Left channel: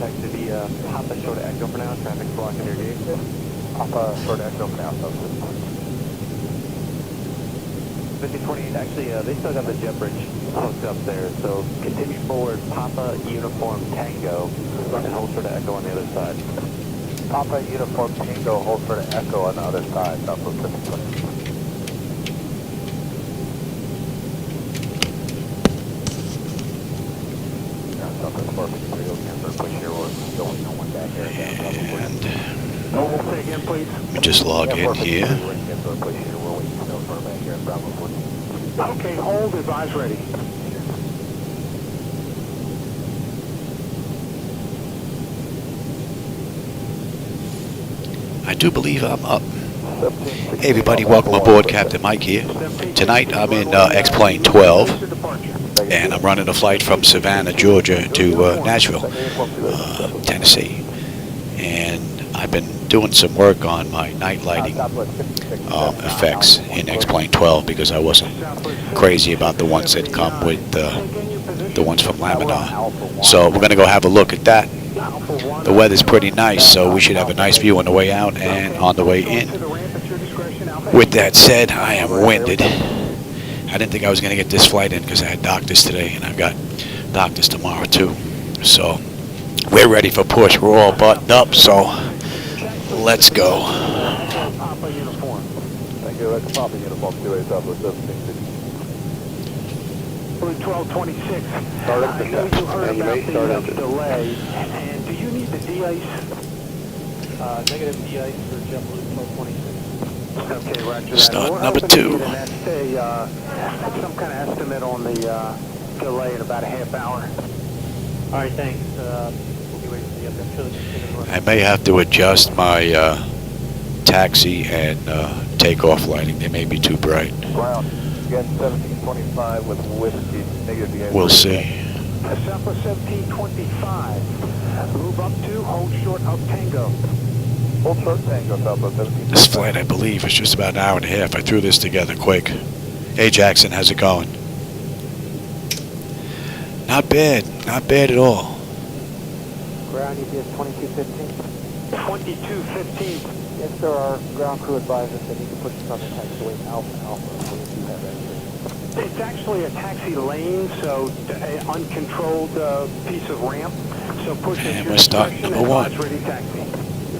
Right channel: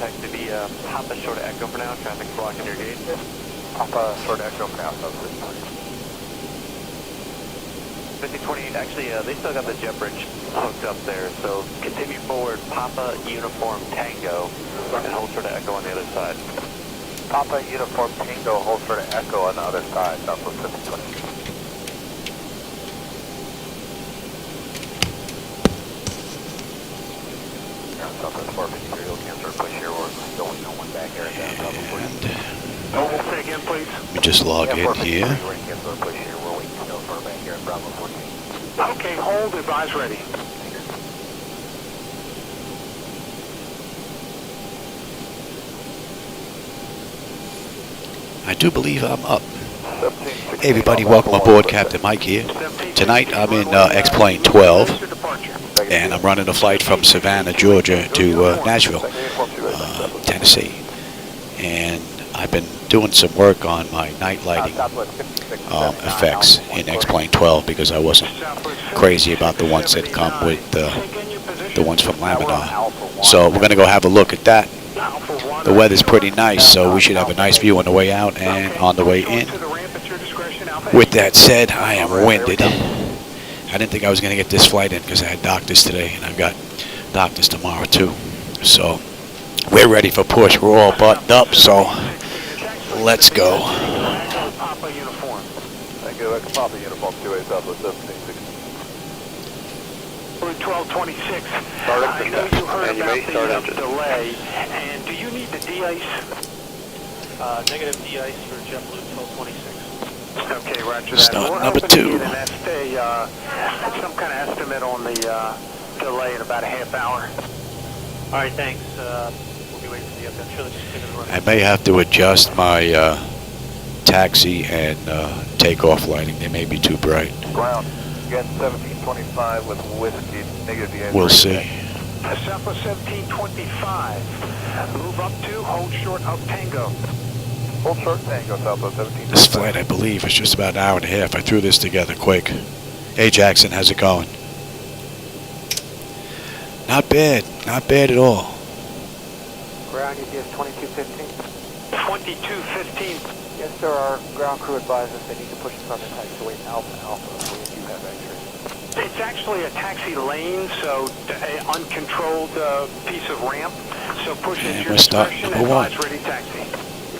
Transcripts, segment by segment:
Contact to be Papa short of Echo for now. Traffic's blocking your gate. Papa short of Echo for now. 5028, actually, they still got the jet bridge hooked up there, so continue forward, Papa Uniform Tango, and hold short of Echo on the other side. Papa Uniform Tango, hold short of Echo on the other side, Southwest 5020. Let me just log in here. Okay, hold, advise ready. I do believe I'm up. Hey everybody, welcome aboard. Captain Mike here. Tonight I'm in X-Plane 12, and I'm running a flight from Savannah, Georgia to Nashville, Tennessee. And I've been doing some work on my night lighting effects in X-Plane 12 because I wasn't crazy about the ones that come with the ones from Laminar. So we're going to go have a look at that. The weather's pretty nice, so we should have a nice view on the way out and on the way in. With that said, I am winded. I didn't think I was going to get this flight in because I had doctors today, and I've got doctors tomorrow too. So we're ready for push. We're all buttoned up, so let's go. Papa Uniform. Thank you. That's Papa Uniform 2A Southwest 1760. 1226. I know you heard about the delay, and do you need the de-ice? Negative de-ice for JetBlue 1226. Okay, Roger. Start number 2. That's some kind of estimate on the delay in about a half hour. All right, thanks. We'll be waiting for you. That's really I may have to adjust my taxi and takeoff lighting. They may be too bright. Ground, again 1725 with whiskey, negative de-ice. We'll see. Southwest 1725. Move up to, hold short of Tango. Hold short Tango, Southwest 1725. This flight, I believe, is just about an hour and a half. I threw this together quick. Hey, Jackson, how's it going? Not bad. Not bad at all. Ground ETA 2215. 2215. Yes, sir. Our ground crew advised us they need to push us on the taxiway Alpha. We'll do that right here. It's actually a taxi lane, so an uncontrolled piece of ramp. So push And we're starting number 1. Ready taxi.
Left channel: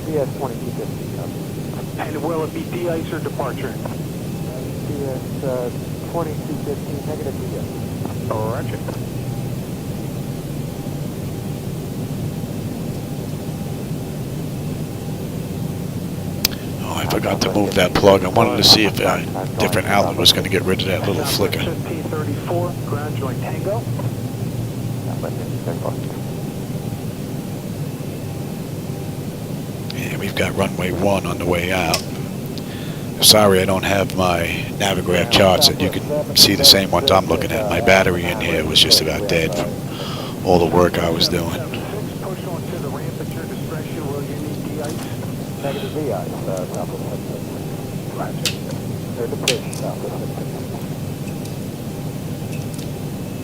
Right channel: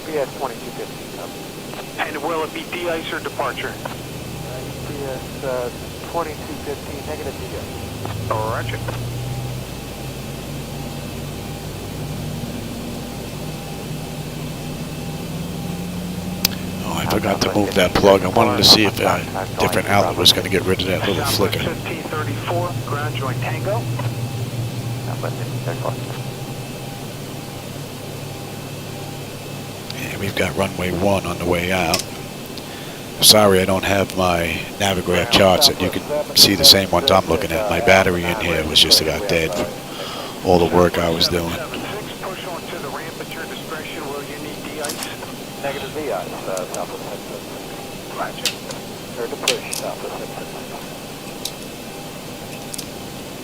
BS 2215. And will it be de-ice or departure? BS 2215, negative de-ice. All right. Oh, I forgot to move that plug. I wanted to see if a different outlet was going to get rid of that little flicker. 1534, ground joint Tango. And we've got runway 1 on the way out. Sorry I don't have my Navigraph charts that you can see the same ones I'm looking at. My battery in here was just about dead from all the work I was doing. Push onto the ramp at your discretion. Will you need de-ice? Negative de-ice, Southwest 15. Roger. Or the push, Southwest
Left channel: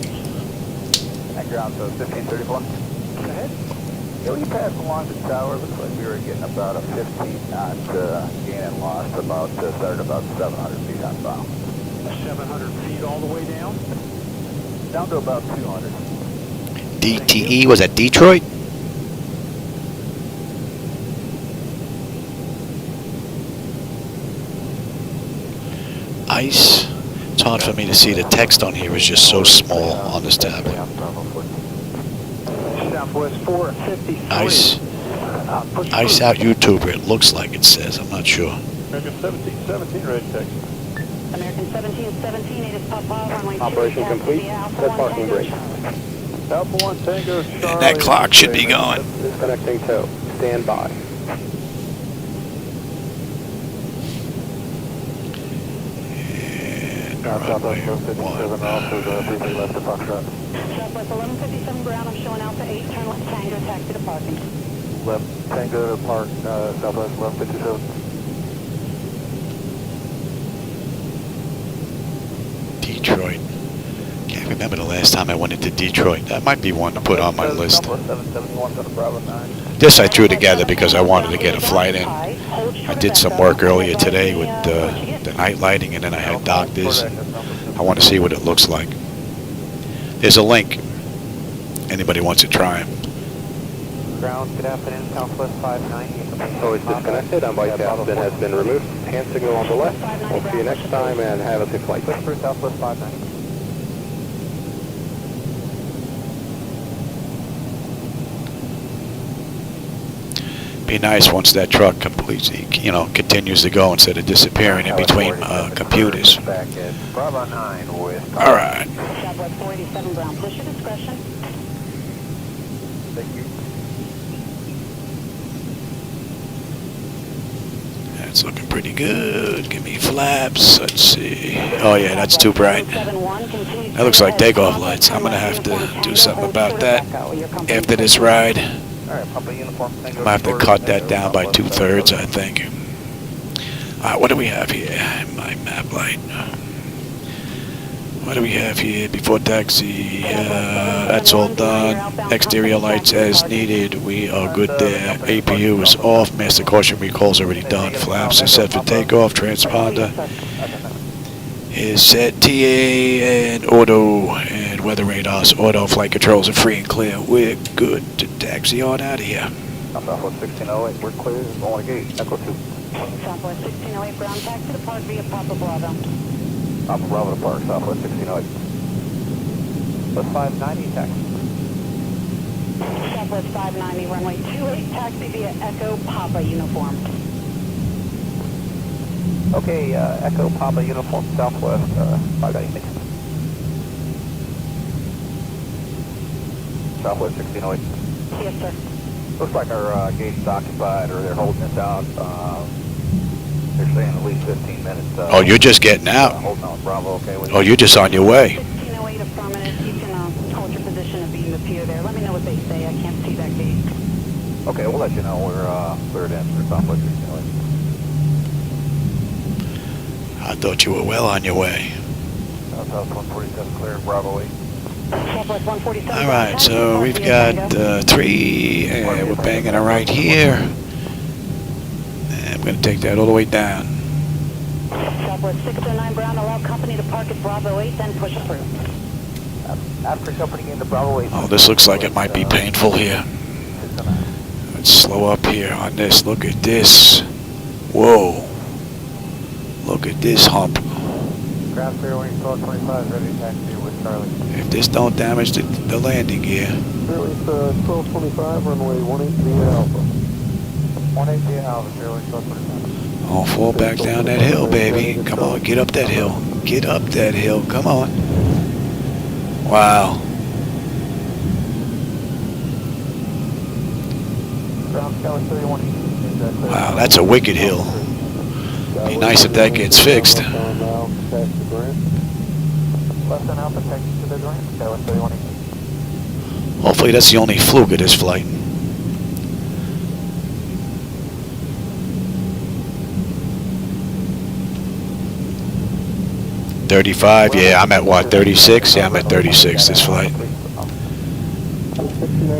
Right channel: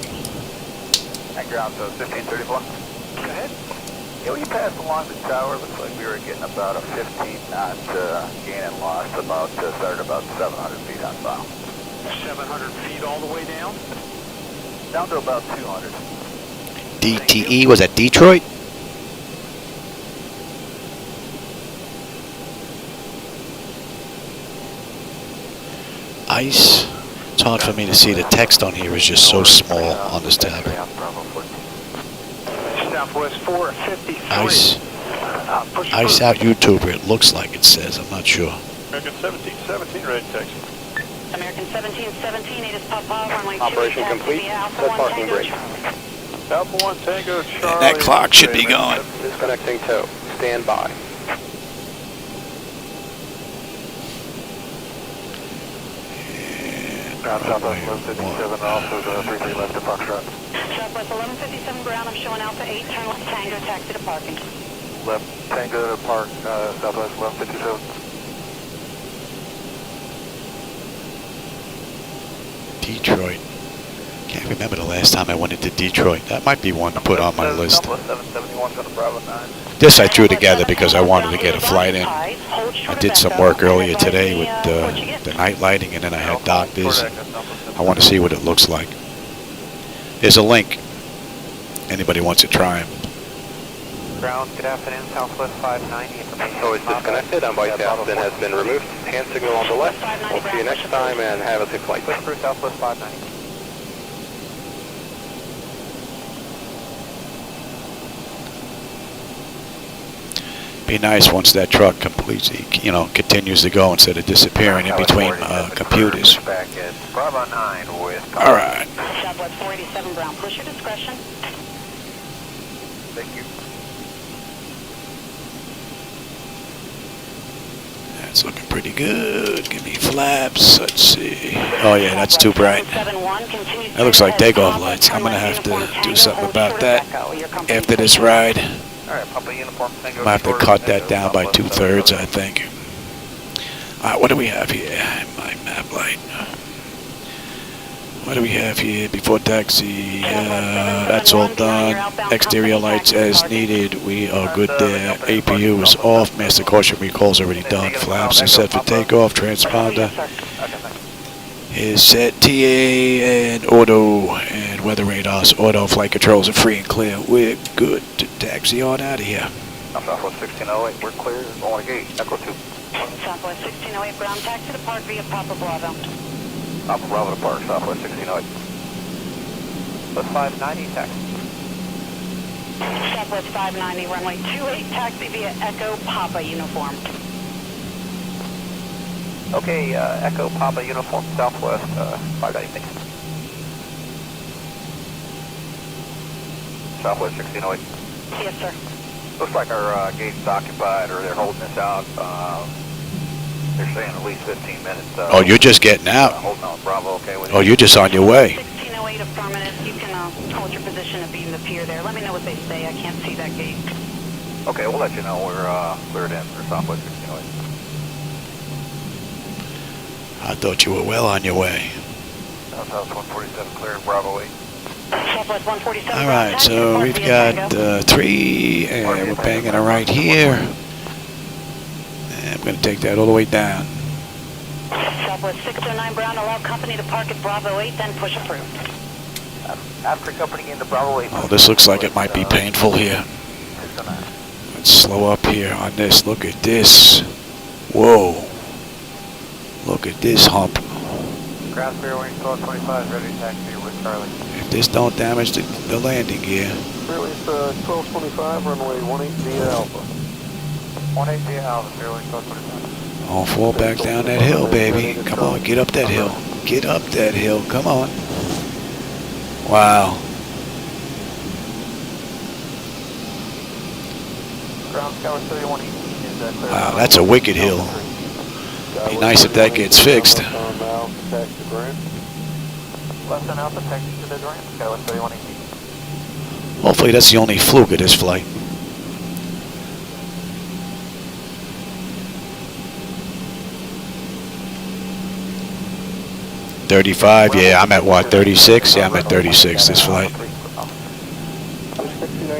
15. And ground, so 1534. Go ahead. Yeah, when you pass along the tower, it looks like we were getting about a 15 knot gain and loss, started about 700 feet on bow. 700 feet all the way down? Down to about 200. DTE, was that Detroit? Ice. It's hard for me to see. The text on here is just so small on this tablet. Ice. Ice out YouTuber, it looks like it says. I'm not sure. American 1717, red taxi. American 1717, it is Papa, runway 2. Operation complete. Set parking brake. Alpha 1 Tango, Charlie. And that clock should be going. Disconnecting tow. Stand by. And runway 1. Southwest 1157 ground, I'm showing Alpha 8, turn left Tango, taxi to parking. Left Tango to park, Southwest 1157. Detroit. Can't remember the last time I went into Detroit. That might be one to put on my list. Southwest 771. This I threw together because I wanted to get a flight in. I did some work earlier today with the night lighting, and then I had doctors. I want to see what it looks like. There's a link. Anybody wants to try them. Ground, good afternoon, Southwest 590. So it's disconnected, on-board captain has been removed. Hand signal on the left. We'll see you next time and have a good flight. Push through Southwest 590. Be nice once that truck completely, continues to go instead of disappearing in between computers. Back at Bravo 9 with... All right. Southwest 487 ground, push your discretion. Thank you. That's looking pretty good. Give me flaps. Let's see. Oh yeah, that's too bright. That looks like takeoff lights. I'm gonna have to do something about that after this ride. I'm gonna have to cut that down by 2/3, I think. All right, what do we have here? My map light. What do we have here? Before taxi, that's all done. Exterior lights as needed. We are good there. APU is off. Master caution recall's already done. Flaps are set for takeoff. Transponder is set. TA and auto and weather radars. Auto flight controls are free and clear. We're good to taxi on out of here. Southwest 1608, we're clear. Going to gauge. Echo 2. Southwest 1608 ground, taxi depart via Papa Bravo. Papa Bravo to Park, Southwest 1608. Southwest 590, taxi. Southwest 590, runway 28, taxi via Echo Papa uniform. Okay, Echo Papa uniform, Southwest 590. Southwest 1608. Yes, sir. Looks like our gate is occupied, or they're holding us out. They're saying at least 15 minutes. Oh, you're just getting out. Holding on Bravo, okay. Oh, you're just on your way. 1608 affirmative. You can hold your position if you appear there. Let me know what they say. I can't see that gate. Okay, we'll let you know. We're cleared in for Southwest 1608. I thought you were well on your way. Southwest 147 cleared, Bravo 8. Southwest 147. All right, so we've got 3, and we're banging it right here. And I'm going to take that all the way down. Southwest 609 Brown, allow company to park at Bravo 8, then push through. After company into Bravo 8. Oh, this looks like it might be painful here. Let's slow up here on this. Look at this. Whoa. Look at this hump. Ground clear wing 1225, ready to taxi with Starling. If this don't damage the landing gear. Release 1225, runway 18 via Alpha. 18 via Alpha, clear wing 1225. Oh, fall back down that hill, baby. Come on, get up that hill. Get up that hill. Come on. Wow. Wow, that's a wicked hill. Be nice if that gets fixed. Hopefully that's the only fluke of this flight. $35, yeah, I'm at what, 36? Yeah, I'm at 36 this flight.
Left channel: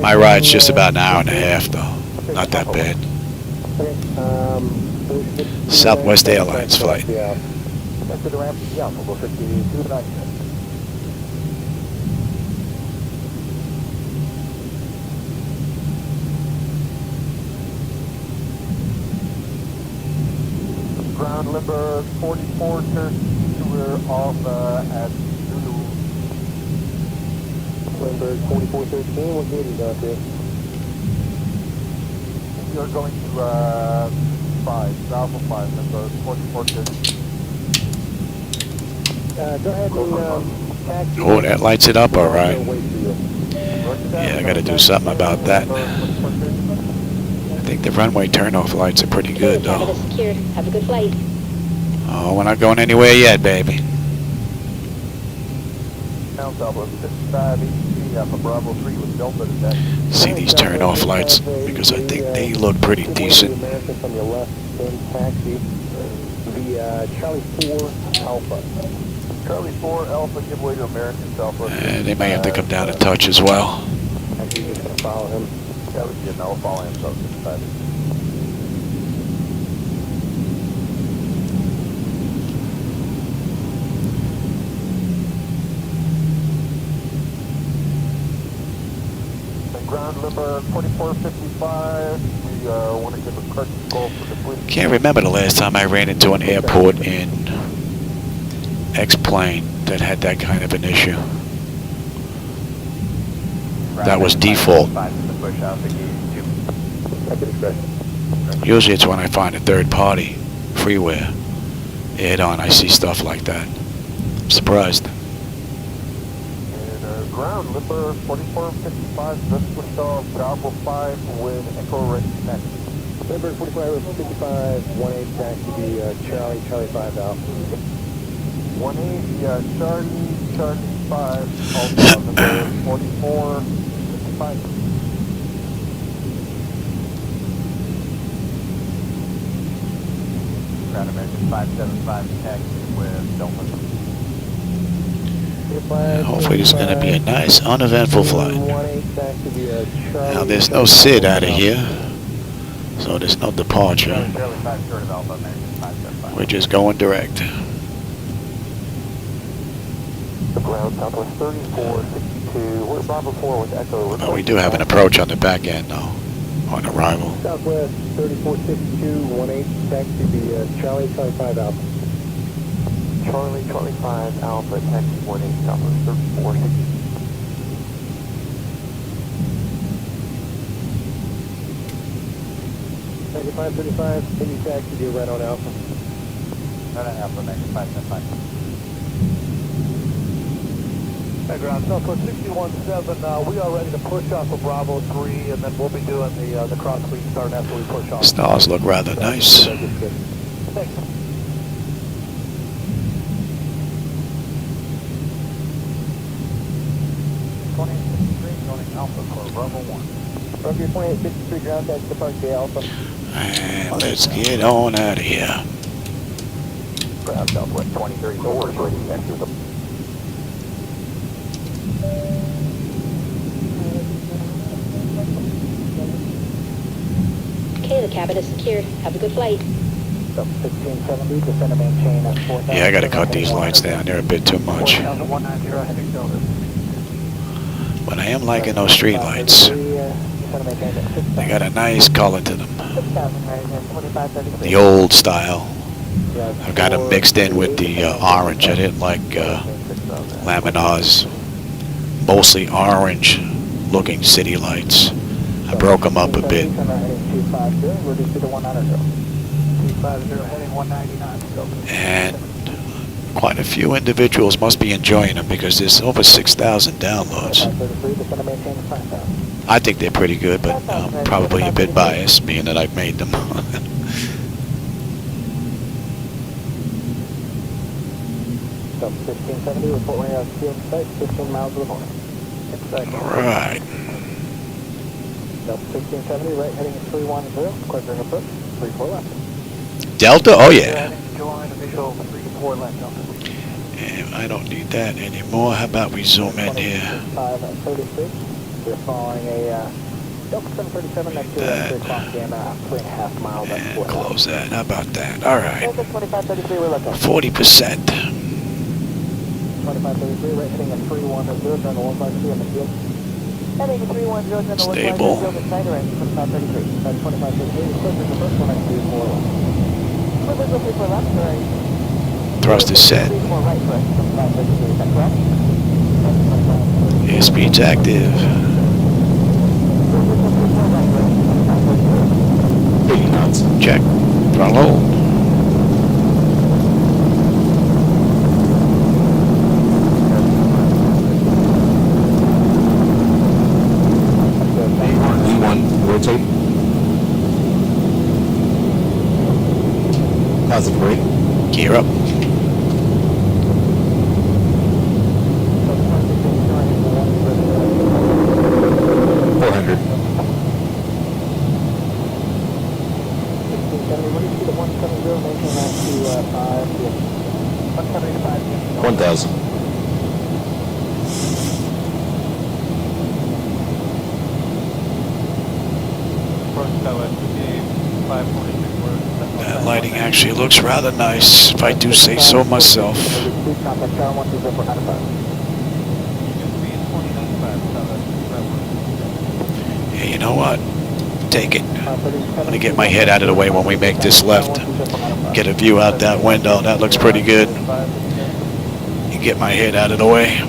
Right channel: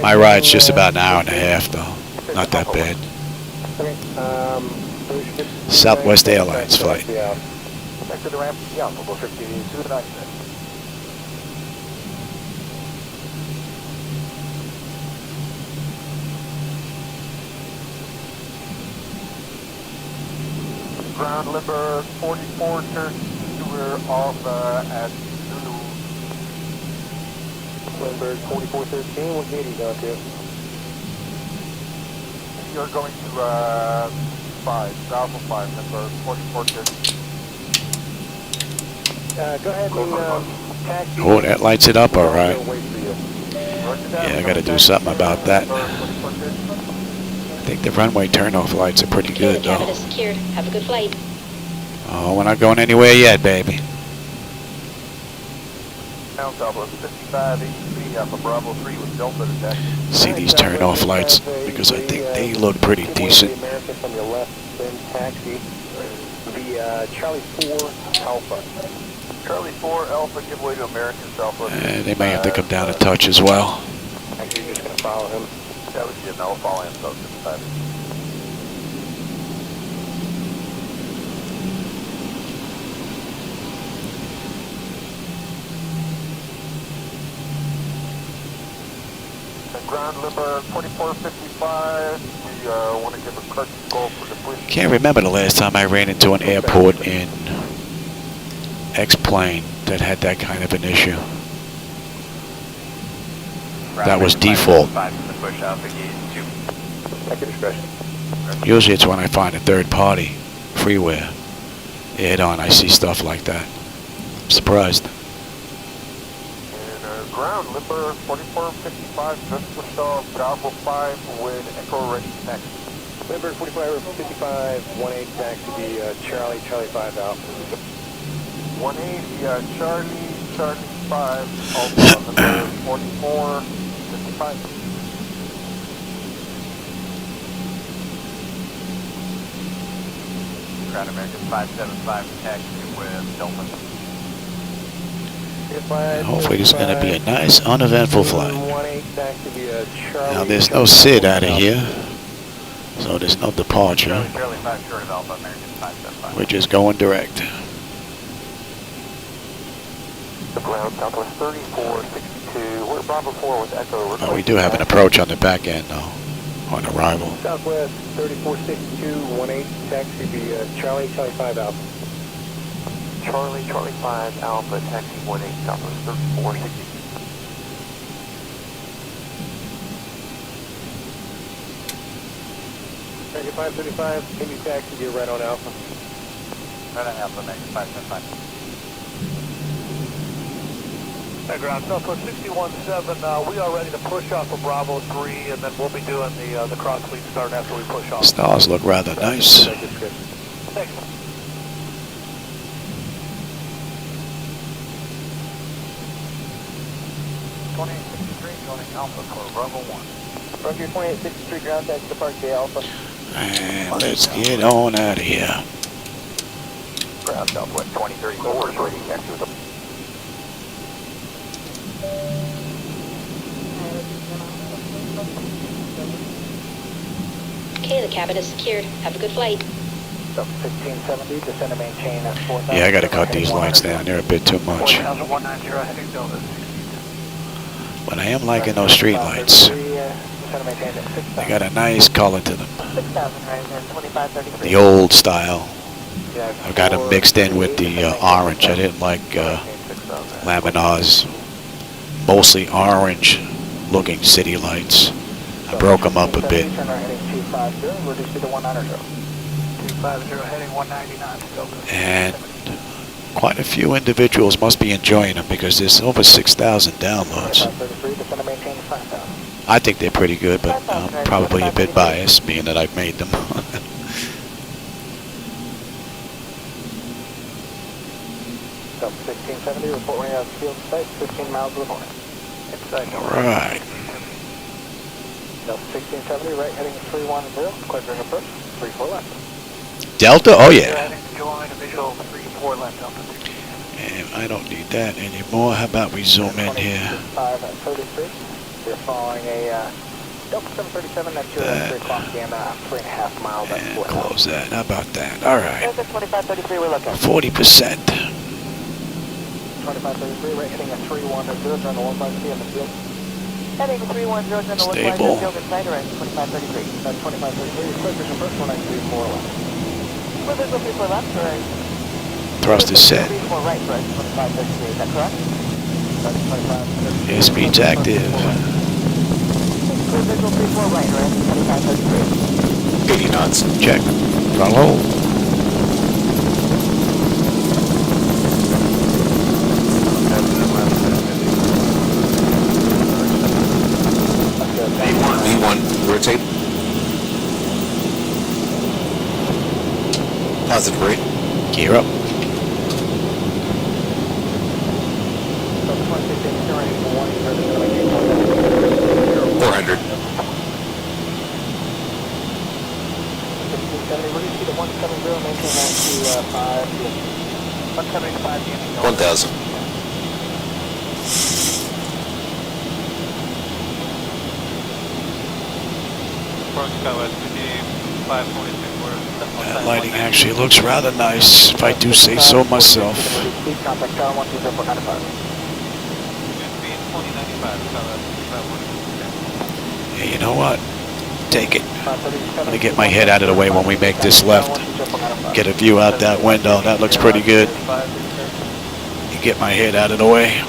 My ride's just about an hour and a half though. Not that bad. Southwest Airlines flight. Ground Limber 44, turn we're off at Zulu. Limber 4413, what gate is out there? You're going to 5, Alpha 5, Limber 4413. Go ahead and Oh, that lights it up all right. Yeah, I got to do something about that. I think the runway turnoff lights are pretty good though. Have a good flight. Oh, we're not going anywhere yet, baby. See these turn-off lights because I think they look pretty decent. Charlie 4 Alpha, give way to American Alpha. They may have to come down a touch as well. That was good. Now we'll fall in. So 55. Ground number 2455. We want to give a courtesy call for the police. Can't remember the last time I ran into an airport in X-plane that had that kind of an issue. That was default. Usually it's when I find a third-party freeware add-on, I see stuff like that. I'm surprised. Ground number 4455, just Wichita, Bravo 5 with Echo Ready taxi. Number 4555, 18 taxi, Charlie 5 Alpha. 18, Charlie 5, Alpha, number 4455. Ground American 575 taxi with Dolphin. Hopefully this is going to be a nice, uneventful flight. Now there's no SID out of here, so there's no departure. We're just going direct. But we do have an approach on the back end though, on arrival. Southwest 3462, 18 taxi, Charlie 5 Alpha. Charlie 5 Alpha, taxi 18 Southwest 3462. Taxi 535, can you taxi you right on Alpha? Right on Alpha, negative 575. Hey, ground, Southwest 617, we are ready to push off of Bravo 3, and then we'll be doing the cross fleet start after we push off. Stars look rather nice. Thanks. From your 28th Street ground, that's departure Alpha. And let's get on out of here. Ground Southwest 2034 is ready to enter the... Okay, the cabin is secured. Have a good flight. 1570, descend and maintain. Yeah, I got to cut these lights down. They're a bit too much. But I am liking those street lights. They got a nice color to them. The old style. I've got them mixed in with the orange. I didn't like Laminar's mostly orange looking city lights. I broke them up a bit. And quite a few individuals must be enjoying them because there's over 6,000 downloads. I think they're pretty good, but I'm probably a bit biased, being that I've made them. All right. 1670, right, heading 310, quadrant approach, 34 left. Delta? Oh, yeah. Join visual 34 left. And I don't need that anymore. How about we zoom in here? 533. We're following a Delta 737 next to that. 3.5 miles. And close that. How about that? All right. 2533, we're looking. 40%. 2533, right, heading a 310, turn the 15 in the field. Heading 310, Stable. 2533. That's 2533, we're clicking the first one at 34 left. We're visual 34 left, correct. Thrust is set. 34 right, correct, 2533, is that correct? Airspeed's active. Visual 34 right, right, 2533. Get you nuts. Check. Throttle. V1, rotate. Positive rate. Gear up. That lighting actually looks rather nice, if I do say so myself. Please contact Tower 120.95. Hey, you know what? Take it. I'm gonna get my head out of the way when we make this left. Get a view out that window. That looks pretty good. You get my head out of the way.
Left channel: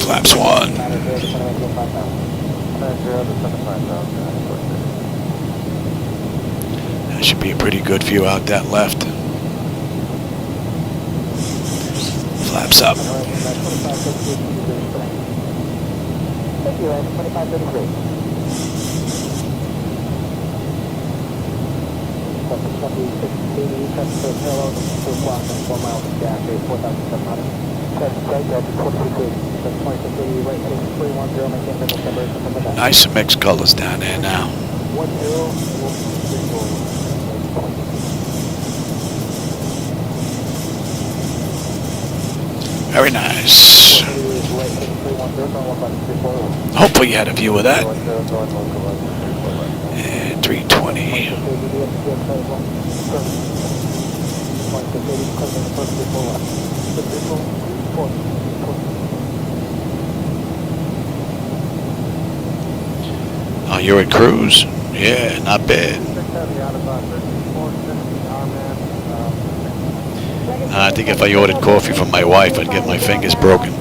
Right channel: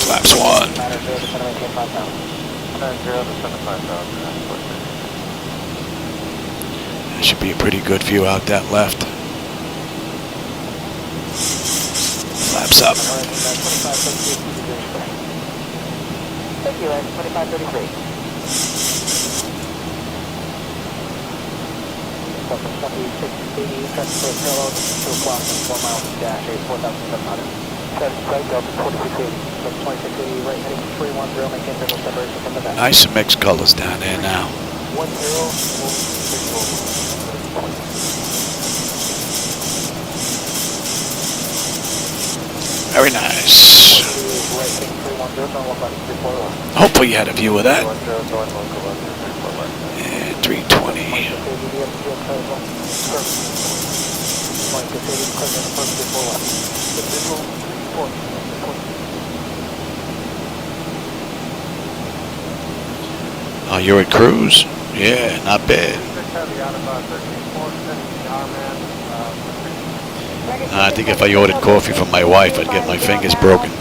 Flaps 1. That should be a pretty good view out that left. Flaps up. Nice mixed colors down there now. Very nice. Hopefully you had a view of that. And 320. Oh, you're at cruise? Yeah, not bad. I think if I ordered coffee from my wife, I'd get my fingers broken.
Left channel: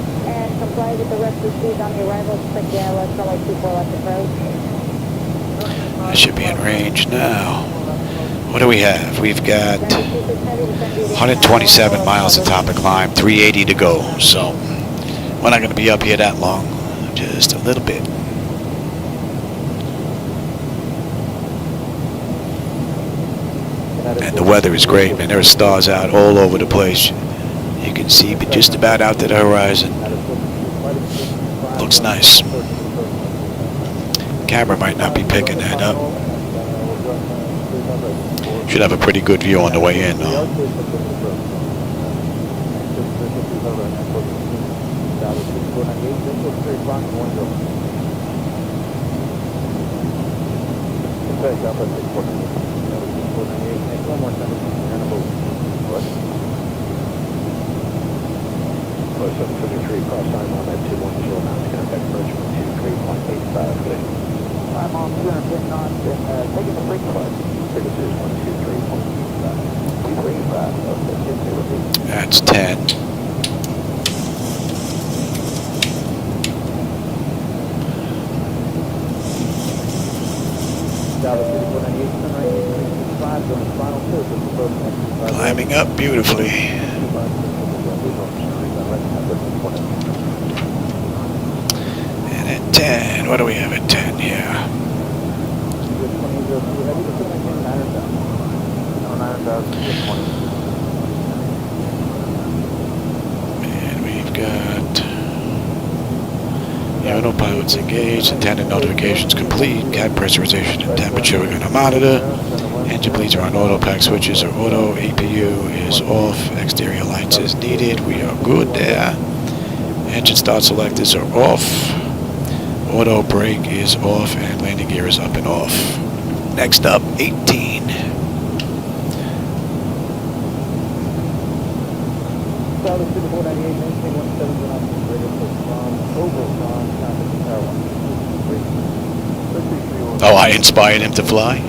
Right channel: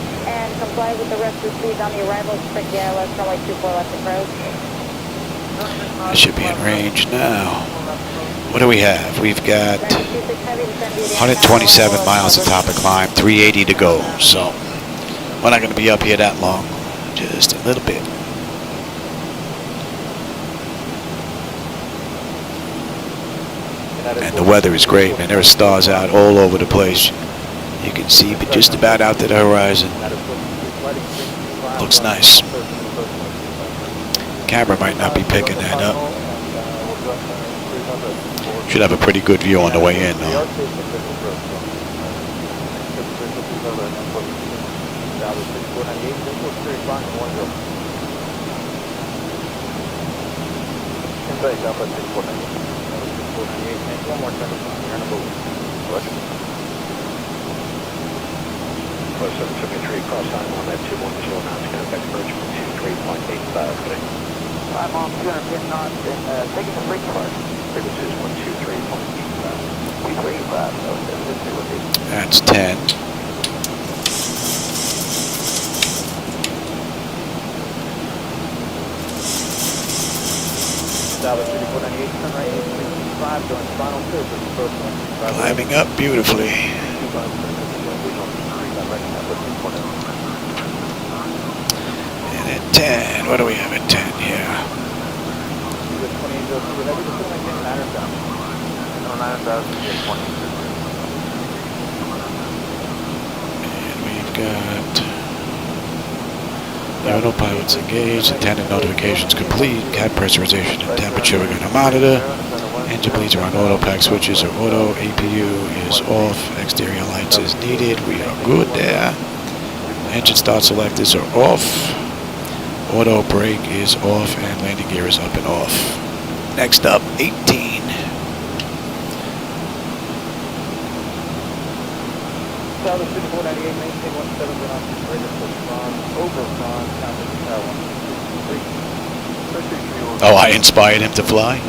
I should be in range now. What do we have? We've got 127 miles of top of climb, 380 to go. So we're not going to be up here that long, just a little bit. And the weather is great, man. There are stars out all over the place. You can see just about out to the horizon. Looks nice. Camera might not be picking that up. Should have a pretty good view on the way in, though. That's 10. Climbing up beautifully. And at 10, what do we have at 10 here? And we've got the autopilot's engaged, attendant notifications complete, cab pressurization and temperature we're going to monitor. Engine bleeds are on auto, pack switches are auto, APU is off, exterior lights is needed, we are good there. Engine start selectors are off, auto brake is off, and landing gear is up and off. Next up, 18. Oh, I inspired him to fly?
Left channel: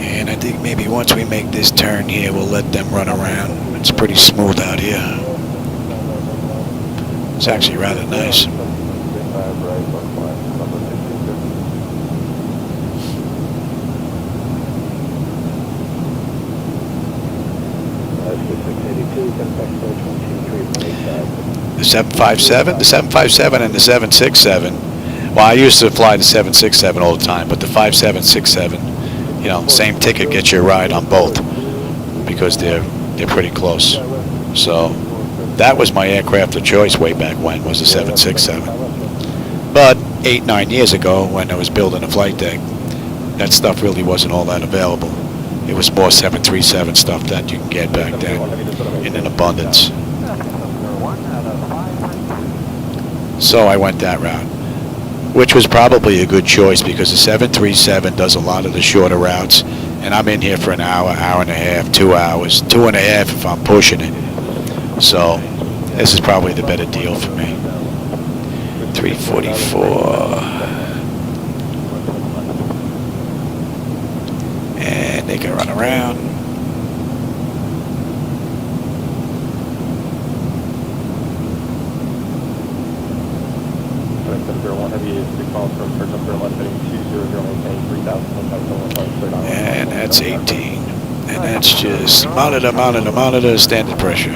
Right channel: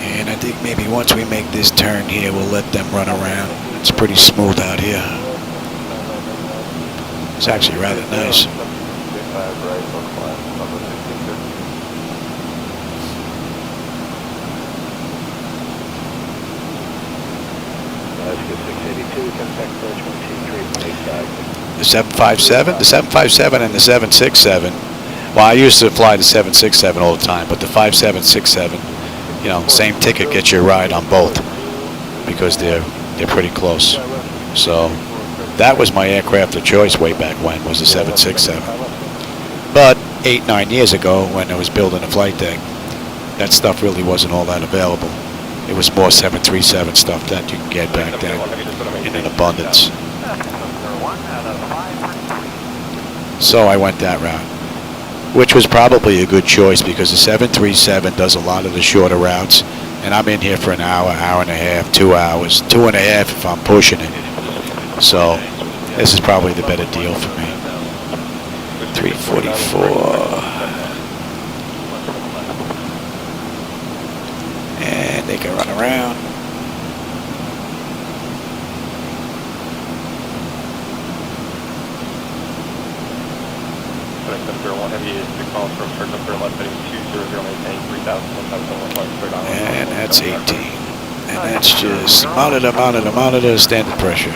And I think maybe once we make this turn here, we'll let them run around. It's pretty smooth out here. It's actually rather nice. The 757? The 757 and the 767. Well, I used to fly the 767 all the time, but the 5767, you know, same ticket gets you a ride on both because they're pretty close. So that was my aircraft of choice way back when, was the 767. But 8-9 years ago, when I was building a flight deck, that stuff really wasn't all that available. It was more 737 stuff that you can get back then in an abundance. So I went that route, which was probably a good choice because the 737 does a lot of the shorter routes, and I'm in here for an hour, hour and a half, 2 hours, 2.5 if I'm pushing it. So this is probably the better deal for me. 344. And they can run around. And that's 18. And that's just monitor, standard pressure.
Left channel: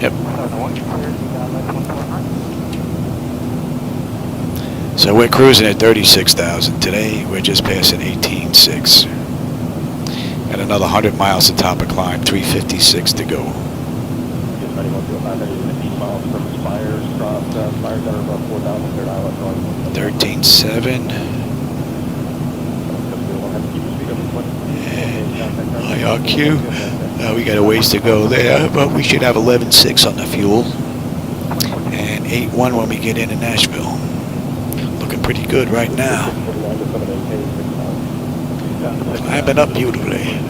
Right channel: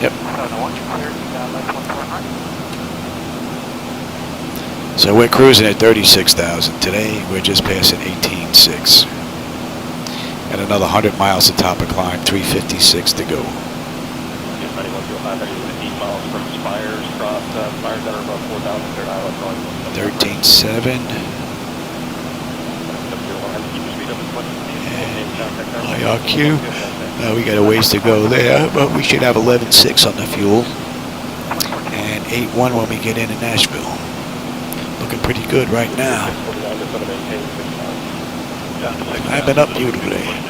Yep. So we're cruising at 36,000. Today we're just passing 18.6. Got another 100 miles to top of climb, 356 to go. 13.7. IRQ. We got a ways to go there, but we should have 11.6 on the fuel. And 8.1 when we get into Nashville. Looking pretty good right now. Climbing up beautifully.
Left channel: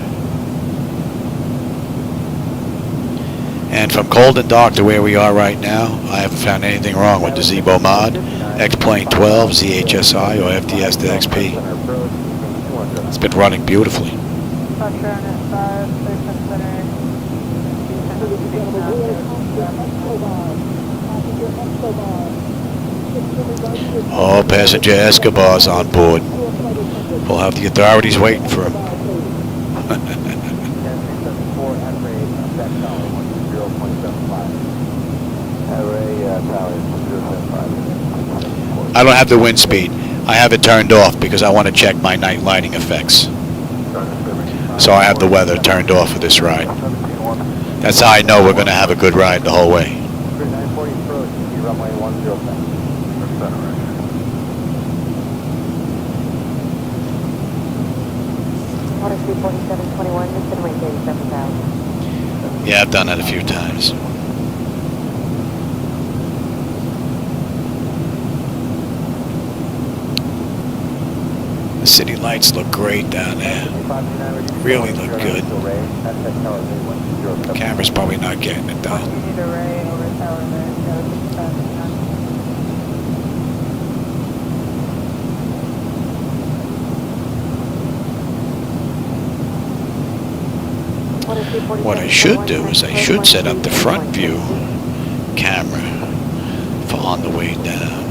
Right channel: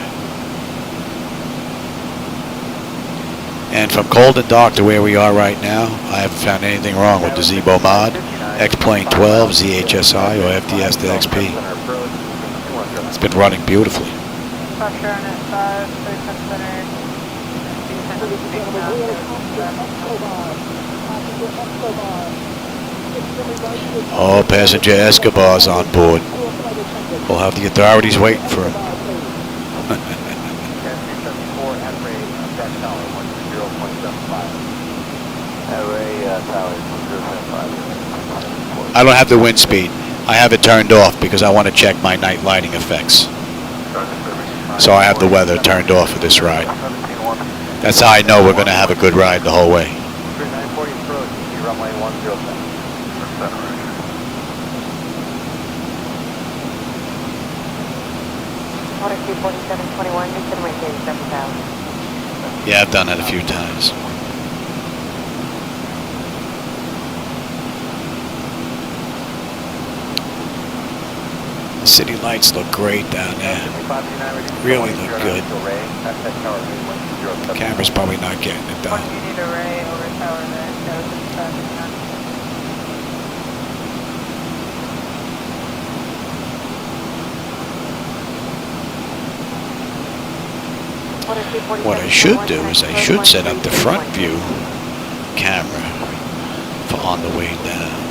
And from cold and dark to where we are right now, I haven't found anything wrong with the Zibo Mod, X-Plane 12, ZHSI, or FDS to XP. It's been running beautifully. Oh, passenger Escobar's on board. We'll have the authorities waiting for him. I don't have the wind speed. I have it turned off because I want to check my night lighting effects. So I have the weather turned off for this ride. That's how I know we're going to have a good ride the whole way. Yeah, I've done that a few times. The city lights look great down there. Really look good. Camera's probably not getting it though. What I should do is I should set up the front view camera for on the way down.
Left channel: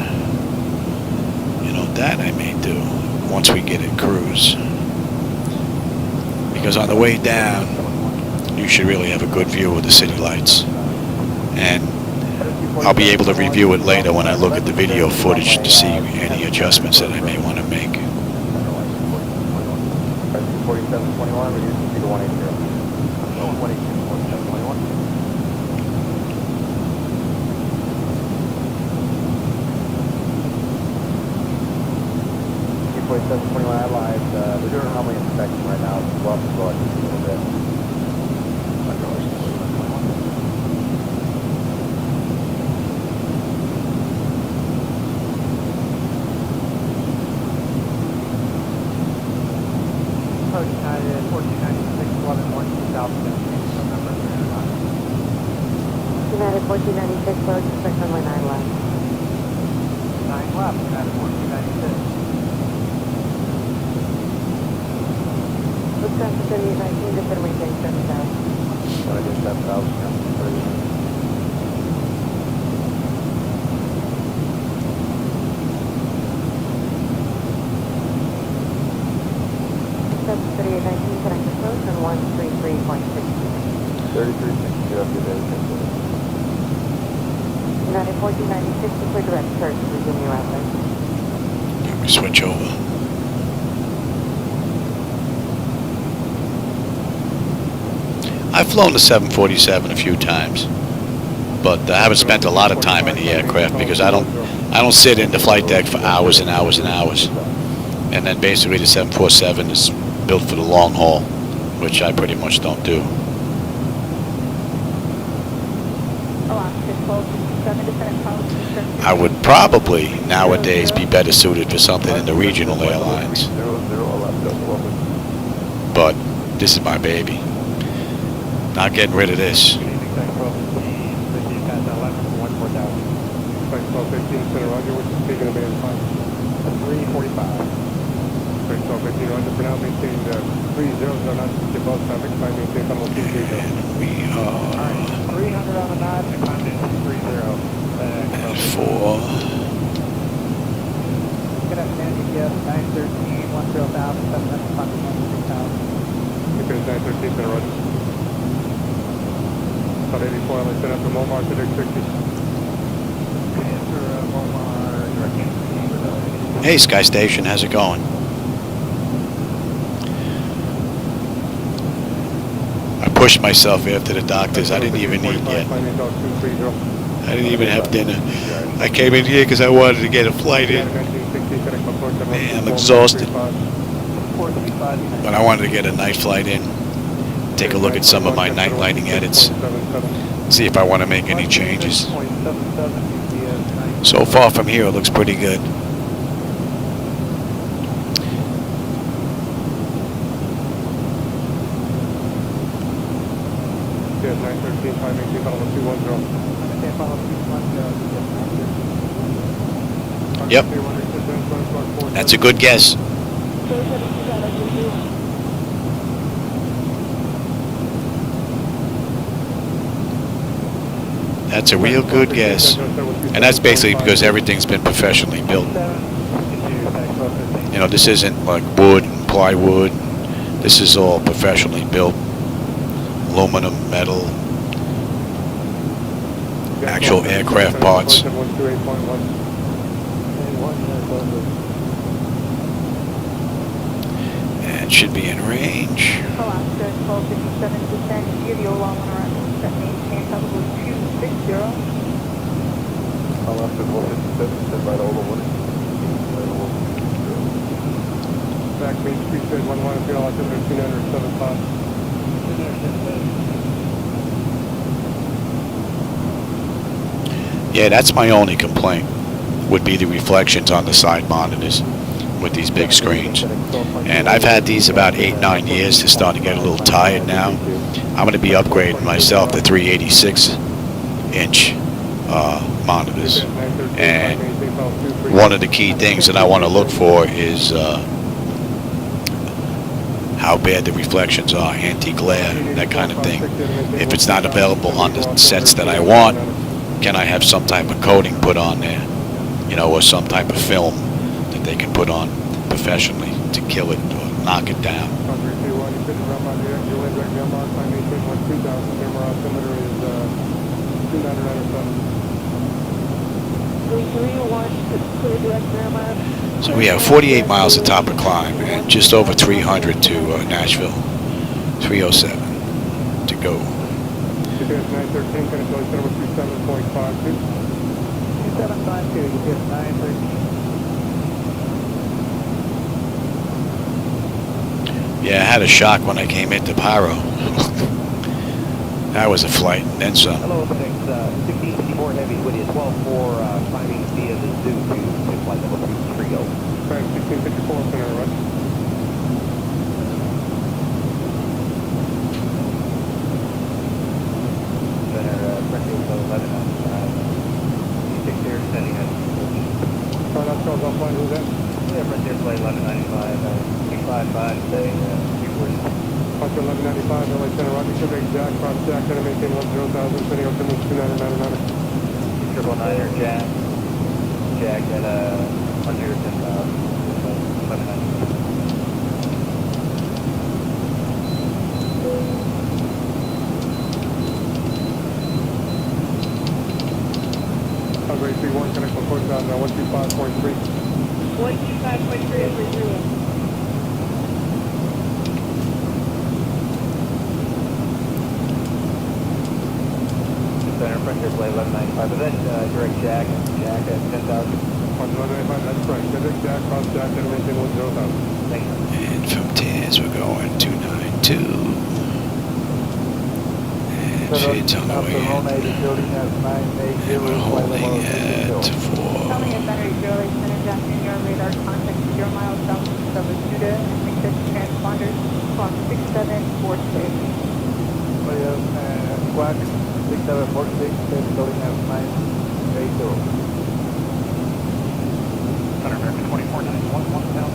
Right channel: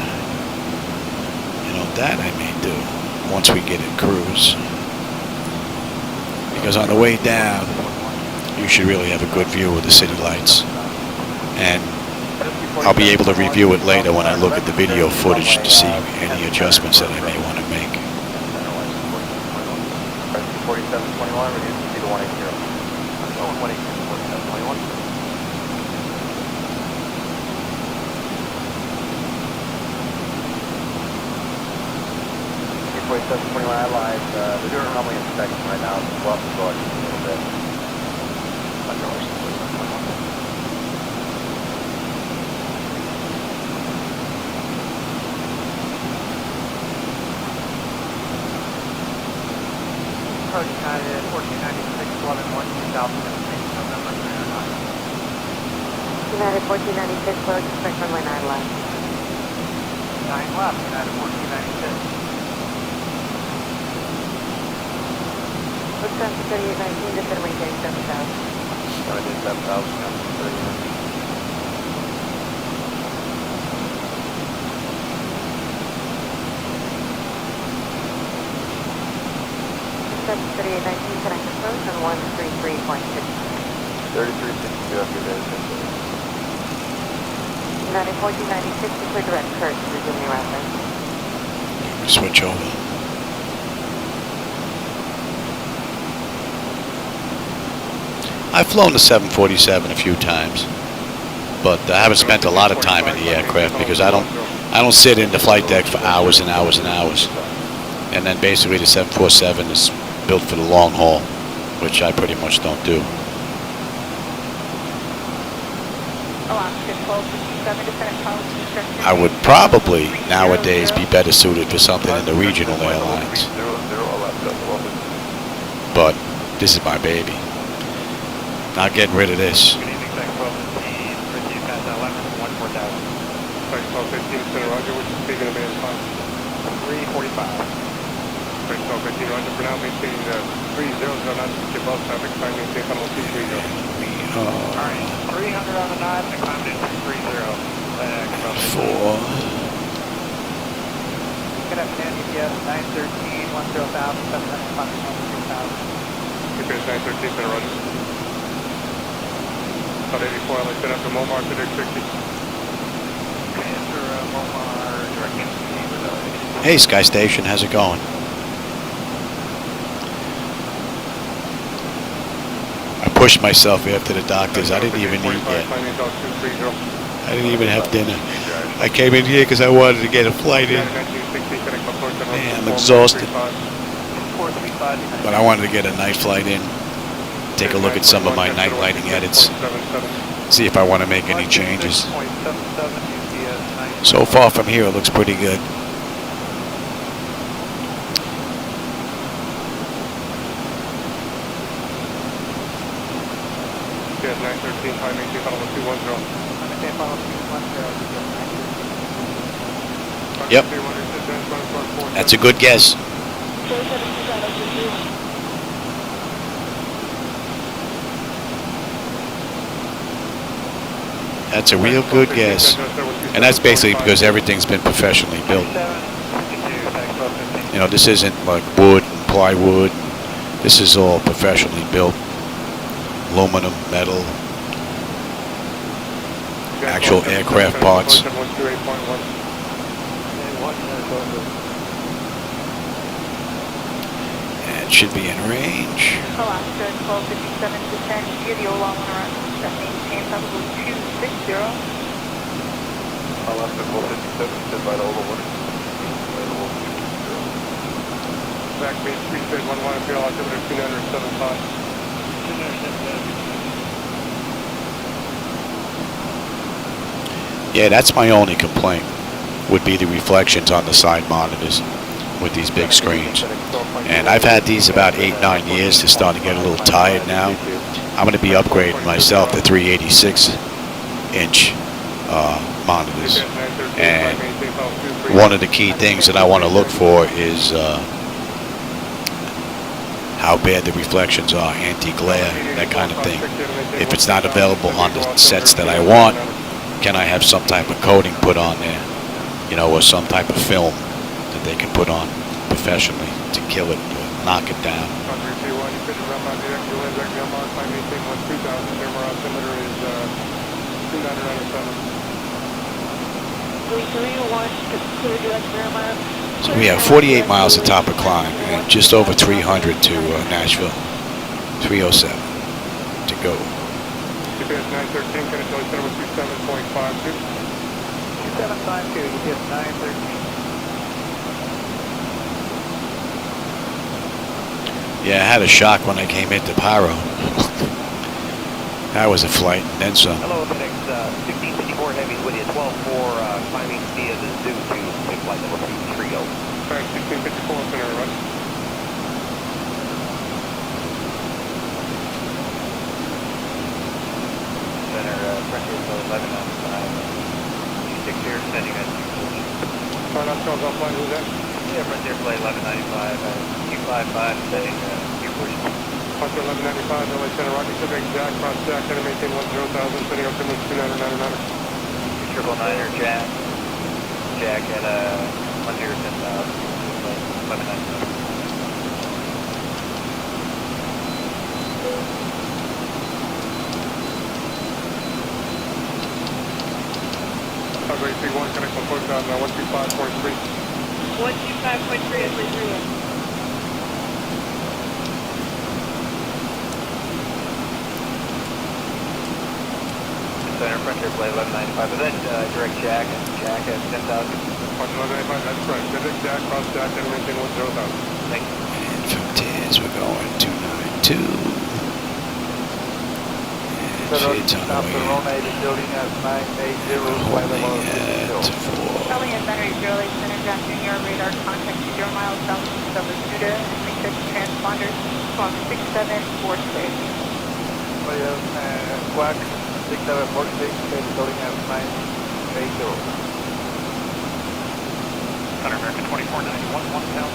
You know, that I may do once we get in cruise. Because on the way down, you should really have a good view of the city lights. And I'll be able to review it later when I look at the video footage to see any adjustments that I may want to make. United 1496, load, expect runway 9 left. 9 left, United 1496. Looks like the 3819, just gonna maintain 7,000. United 7,000. Looks like the 3819, connect approach on 133.6. 33. United 1496, clear direct curve, resuming rapid. Let me switch over. I've flown the 747 a few times, but I haven't spent a lot of time in the aircraft because I don't sit in the flight deck for hours and hours and hours. And then basically the 747 is built for the long haul, which I pretty much don't do. I would probably nowadays be better suited for something in the regional airlines, but this is my baby. Not getting rid of this. And we are at 4. Good afternoon, EPS 913, 10,000, 913, about 84, I'll set up to Momar to Dick 60. Hey, Sky Station, how's it going? I pushed myself after the doctors. I didn't even eat yet. I didn't even have dinner. I came in here because I wanted to get a flight in. Man, I'm exhausted. But I wanted to get a night flight in. Take a look at some of my night lighting edits. See if I want to make any changes. So far from here, it looks pretty good. Yep. That's a good guess. That's a real good guess. And that's basically because everything's been professionally built. You know, this isn't like wood and plywood. This is all professionally built. Aluminum, metal, actual aircraft parts. And it should be in range. Yeah, that's my only complaint, would be the reflections on the side monitors with these big screens. And I've had these about 8-9 years. They're starting to get a little tired now. I'm going to be upgrading myself to 386-inch monitors. And one of the key things that I want to look for is how bad the reflections are, anti-glare, that kind of thing. If it's not available on the sets that I want, can I have some type of coating put on there, you know, or some type of film that they can put on professionally to kill it or knock it down. So we have 48 miles of top of climb and just over 300 to Nashville. 307 to go. Yeah, I had a shock when I came into Pyro. That was a flight, and then some. Hello, the next 1554 Heavy with you, 12-4, climbing via the Zoo to flight number 30. 1654, center, run. Center, pressure is 11 on 6 here, setting at Start off, shows offline, who's that? yeah, pressure flight 1195, 255 today, Q40. Fox 1195, LA Center, Rocky Civic, Jack, cross Jack, center, maintain 10,000, setting up to 2999. 999er, Jack. Jack at 100 and 1199. approach on 125.3. 125.3 over 3. Center pressure plate 1195, but then direct jack at 10,000. 1195, that's right. Direct jack, cross jack, and maintain 10,000. Thank you. And from TIS we're going 292. And shades on the way in. And we're holding at 4. Calling at Battery Zero Lake Center, drafting your radar contact 0 miles southeast of Bermuda, and make sure transponder from 6746. Squawk, 6746, loading at 980. Center American 2491, 1,000,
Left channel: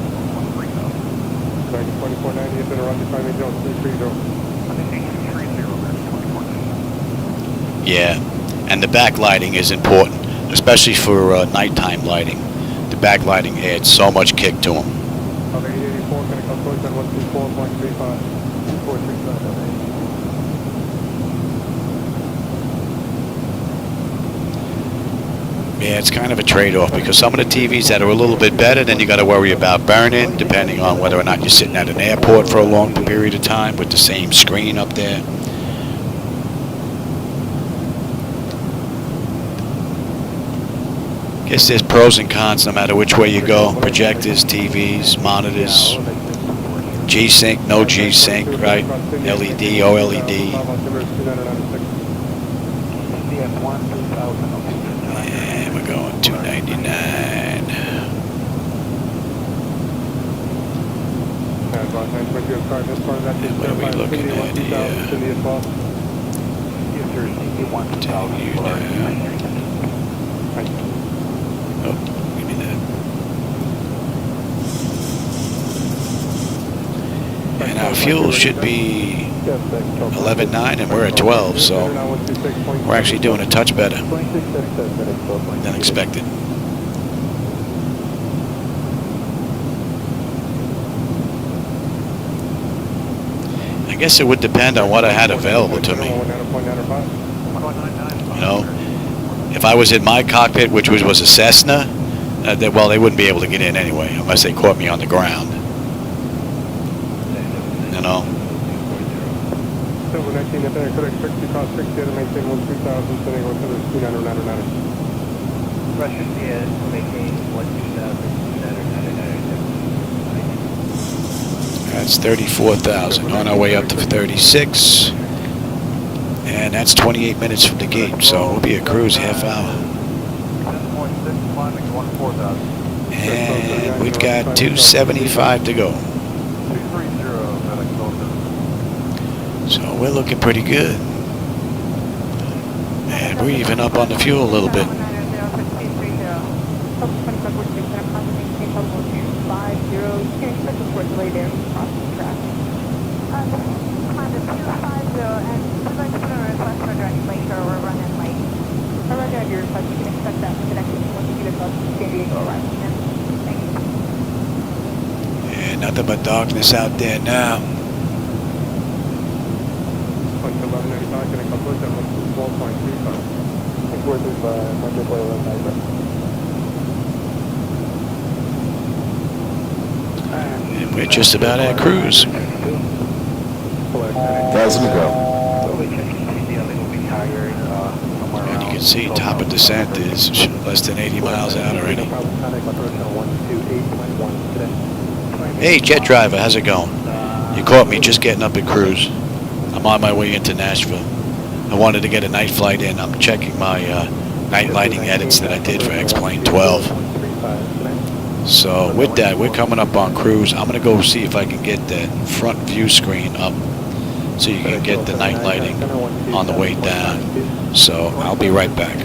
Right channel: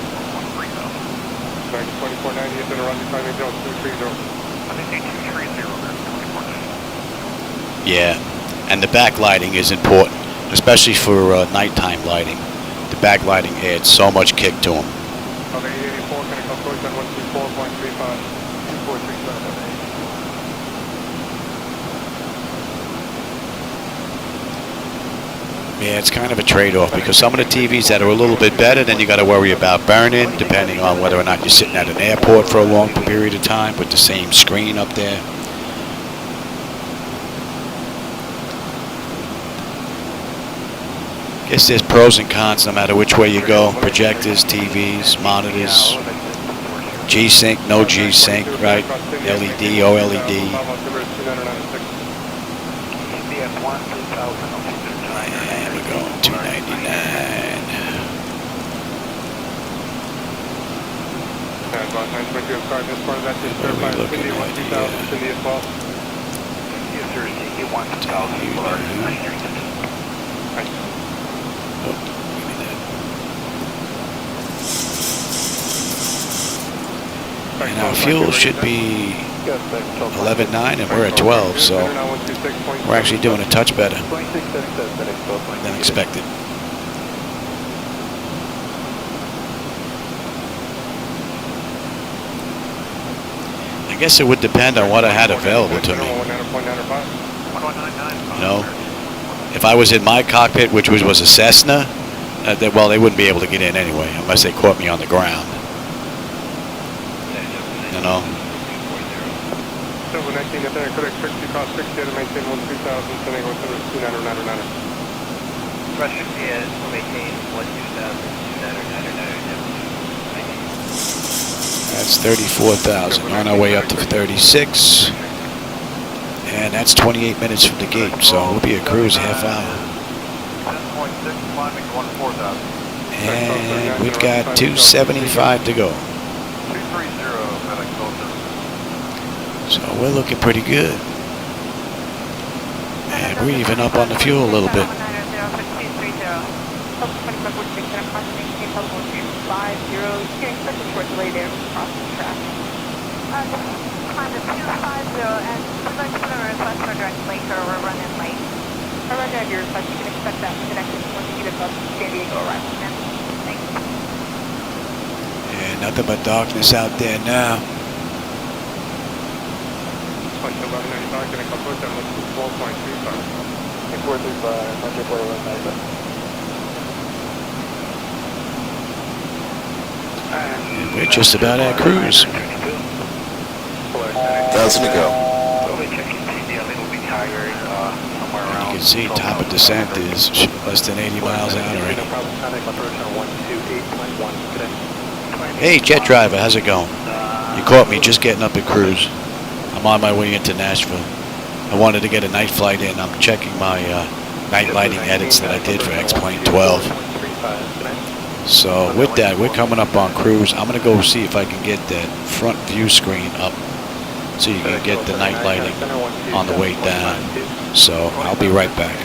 2490 is in a running time, Jones 230. Yeah, and the backlighting is important, especially for nighttime lighting. The backlighting adds so much kick to them. On the 84, can I come approach on 134.35? 437. Yeah, it's kind of a trade-off because some of the TVs that are a little bit better, then you got to worry about burning, depending on whether or not you're sitting at an airport for a long period of time with the same screen up there. Guess there's pros and cons no matter which way you go. Projectors, TVs, monitors, G-Sync, no G-Sync, right? LED, OLED. And we're going 299. And what are we looking at here? Continue now. Oh, give me that. And our fuel should be 11.9 and we're at 12, so we're actually doing a touch better than expected. I guess it would depend on what I had available to me. You know, if I was in my cockpit, which was a Cessna, well, they wouldn't be able to get in anyway unless they caught me on the ground. You know. That's 34,000 on our way up to 36. And that's 28 minutes from the gate, so we'll be a cruise half hour. And we've got 275 to go. So we're looking pretty good. And we're even up on the fuel a little bit. And nothing but darkness out there now. And we're just about at cruise. 1,000 to go. And you can see top of descent is less than 80 miles out already. Hey, jet driver, how's it going? You caught me just getting up at cruise. I'm on my way into Nashville. I wanted to get a night flight in. I'm checking my night lighting edits that I did for X-Plane 12. So with that, we're coming up on cruise. I'm going to go see if I can get that front view screen up so you can get the night lighting on the way down. So I'll be right back.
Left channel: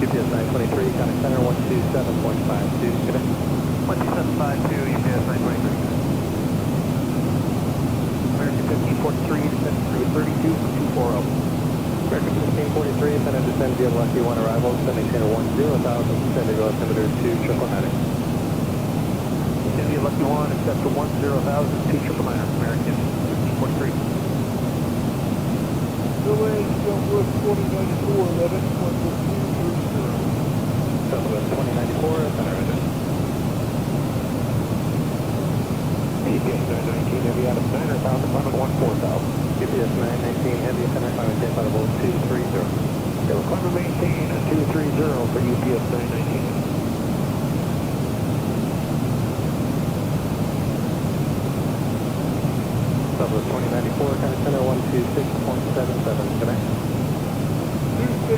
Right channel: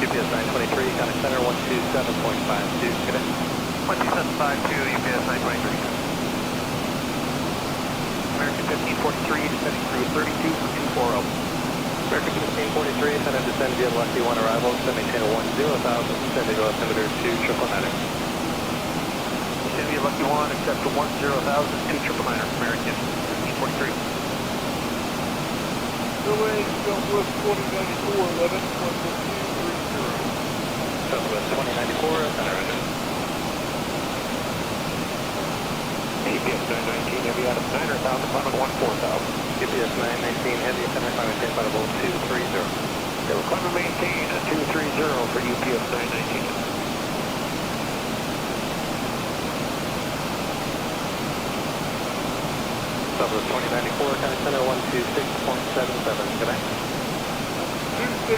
UPS 923, kind of center 127.52, get it? 12752, UPS 923. American 1543, setting through 32 for 240. American Descend via Lucky 1 arrival, descend maintain 10,000, descend to go altimeter 2,999. Descend via Lucky 1, accept for 10,000, 2,999, American 43. Southwest 2094, 11, 11530. Southwest 2094, center engine. GPS 919, heavy out of 9,000, final 14,000. GPS 919, heavy center, final maintain final 230. They will climb and maintain a 230 for UPS 919. Southwest 2094, kind of center 126.77, connect. 2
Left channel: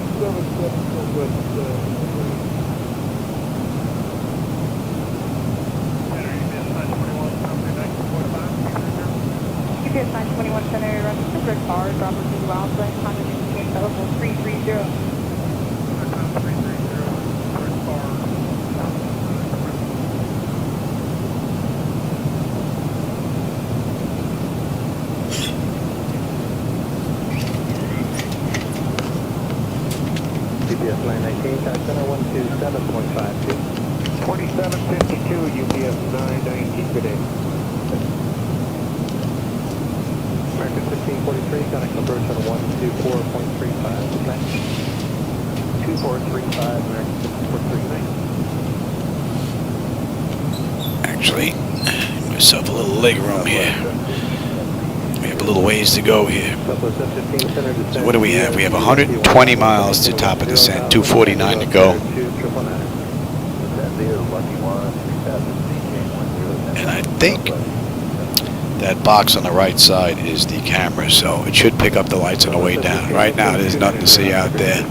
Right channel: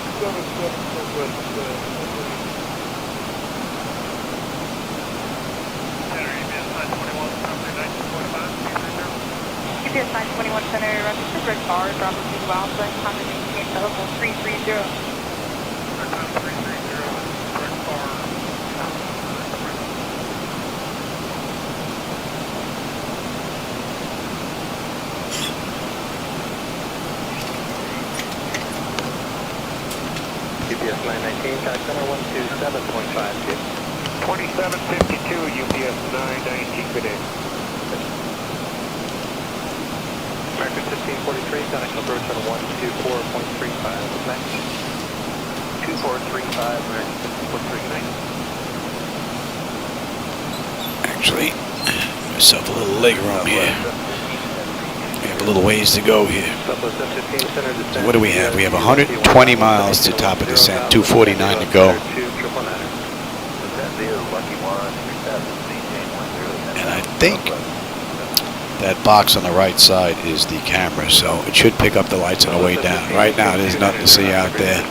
921 Center, Rochester, Red Bar, Bravo 2 Alpha, Honda maintain level 330. UPS 919, kind of center 127.5. 2752, UPS 919, good day. American 1543, Sonic approach on 124.35, tonight. 2435, American 1543, Actually, give myself a little leg room here. We have a little ways to go here. So what do we have? We have 120 miles to top of descent, 249 to go. And I think that box on the right side is the camera, so it should pick up the lights on the way down. Right now, there's nothing to see out there.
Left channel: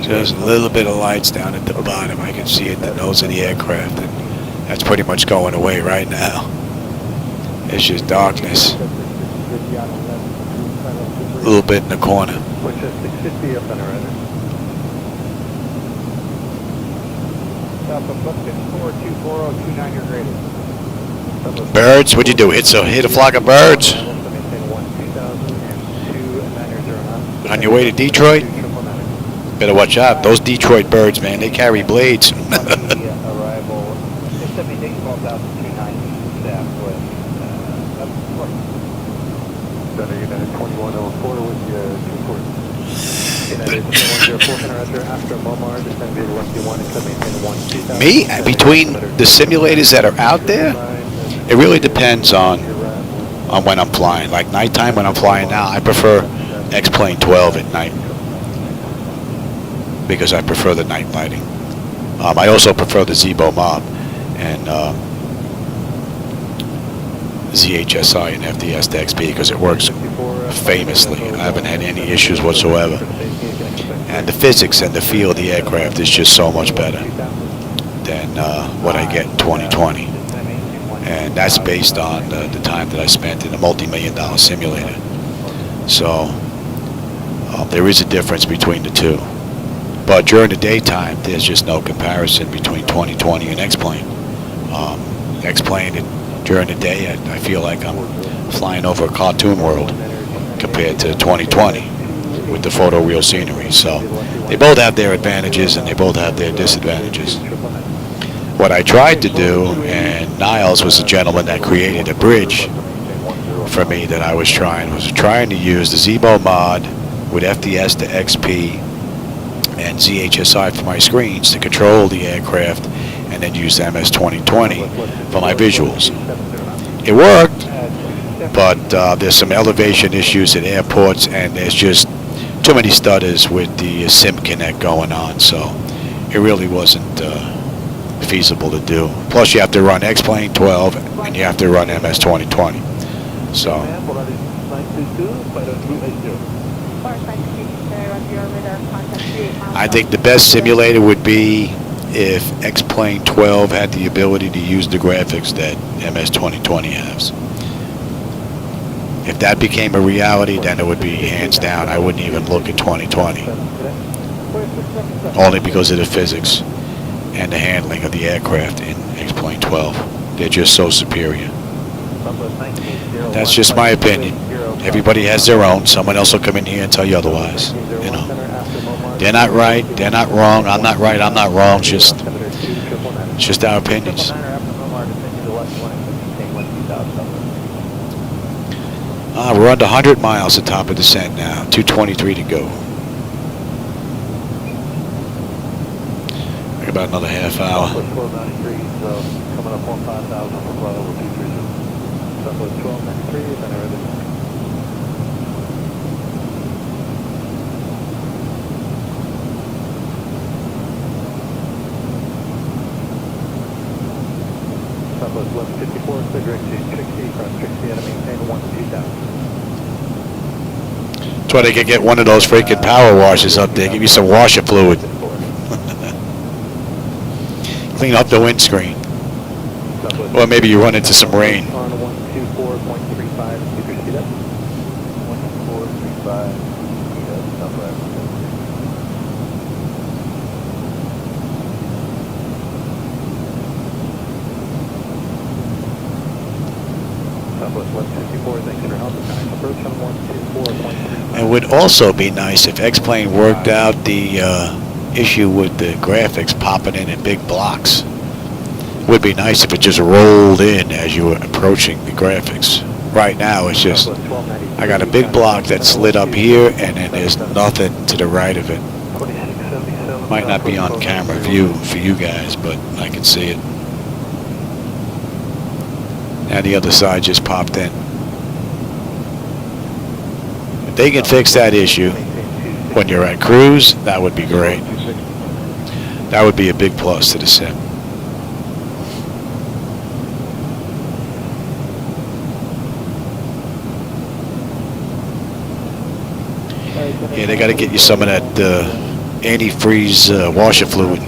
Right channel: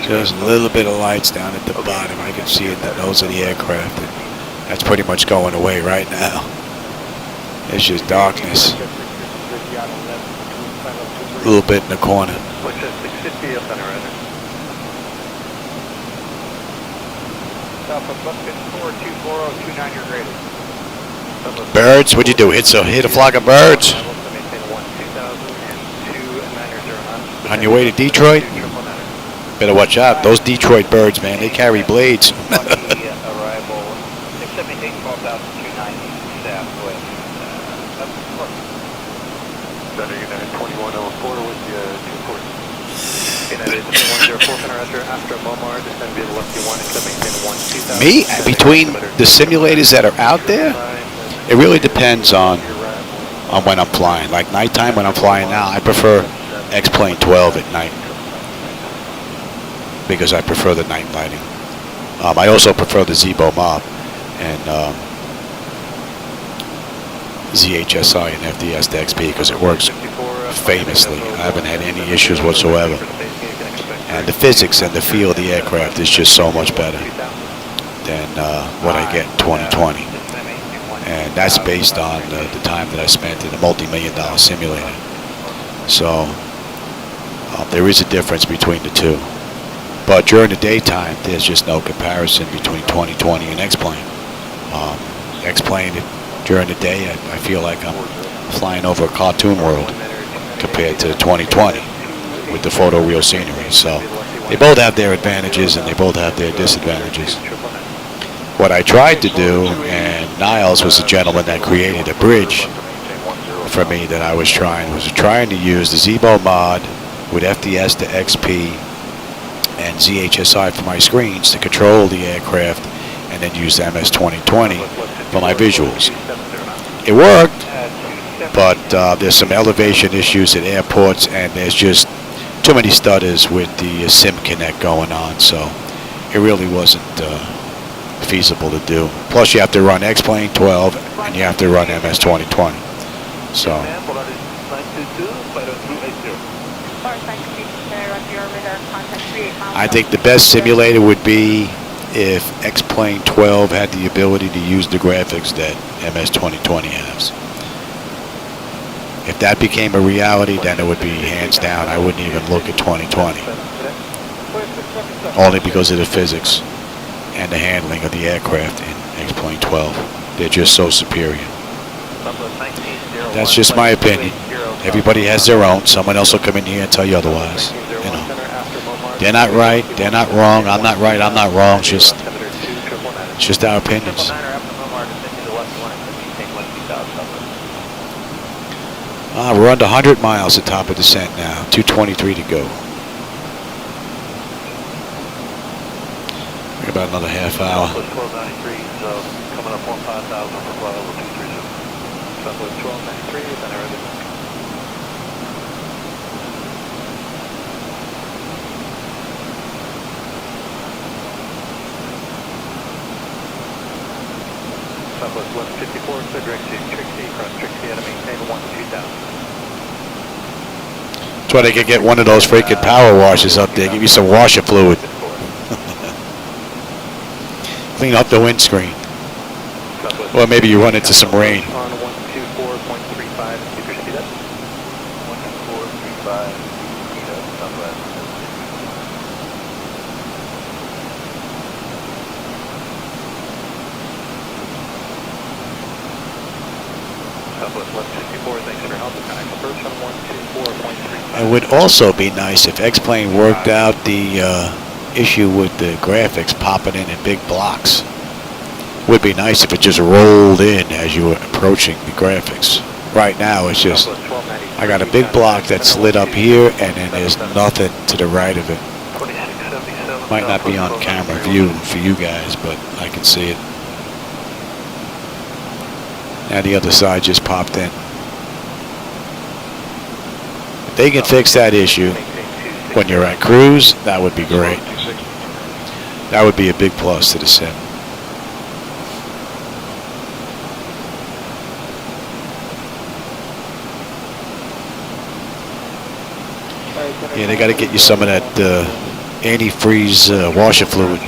Just a little bit of lights down at the bottom. I can see it, the nose of the aircraft, and that's pretty much going away right now. It's just darkness. A little bit in the corner. Birds? What'd you do? Hit a flock of birds? On your way to Detroit? Better watch out. Those Detroit birds, man, they carry blades. Me? Between the simulators that are out there, it really depends on when I'm flying. Like nighttime when I'm flying now, I prefer X-Plane 12 at night because I prefer the night lighting. I also prefer the Zibo Mod and ZHSI and FDS to XP because it works famously. I haven't had any issues whatsoever. And the physics and the feel of the aircraft is just so much better than what I get in 2020. And that's based on the time that I spent in a multi-million-dollar simulator. So there is a difference between the two. But during the daytime, there's just no comparison between 2020 and X-Plane. X-Plane, during the day, I feel like I'm flying over a cartoon world compared to 2020 with the photoreal scenery. So they both have their advantages and they both have their disadvantages. What I tried to do, and Niles was the gentleman that created a bridge for me that I was trying to use the Zibo Mod with FDS to XP and ZHSI for my screens to control the aircraft and then use the MS 2020 for my visuals. It worked, but there's some elevation issues at airports and there's just too many stutters with the Sim Connect going on, so it really wasn't feasible to do. Plus you have to run X-Plane 12 and you have to run MS 2020. So I think the best simulator would be if X-Plane 12 had the ability to use the graphics that MS 2020 has. If that became a reality, then it would be hands down. I wouldn't even look at 2020. Only because of the physics and the handling of the aircraft in X-Plane 12. They're just so superior. That's just my opinion. Everybody has their own. Someone else will come in here and tell you otherwise, you know. They're not right. They're not wrong. I'm not right. I'm not wrong. It's just our opinions. We're under 100 miles at top of descent now. 223 to go. About another half hour. That's why they could get one of those freaking power washers up there. Give you some washer fluid. Clean up the windscreen. Or maybe you run into some rain. It would also be nice if X-Plane worked out the issue with the graphics popping in big blocks. It would be nice if it just rolled in as you were approaching the graphics. Right now it's just, I got a big block that's lit up here and then there's nothing to the right of it. Might not be on camera view for you guys, but I can see it. Now the other side just popped in. If they can fix that issue when you're at cruise, that would be great. That would be a big plus to the sim. Yeah, they got to get you some of that antifreeze washer fluid.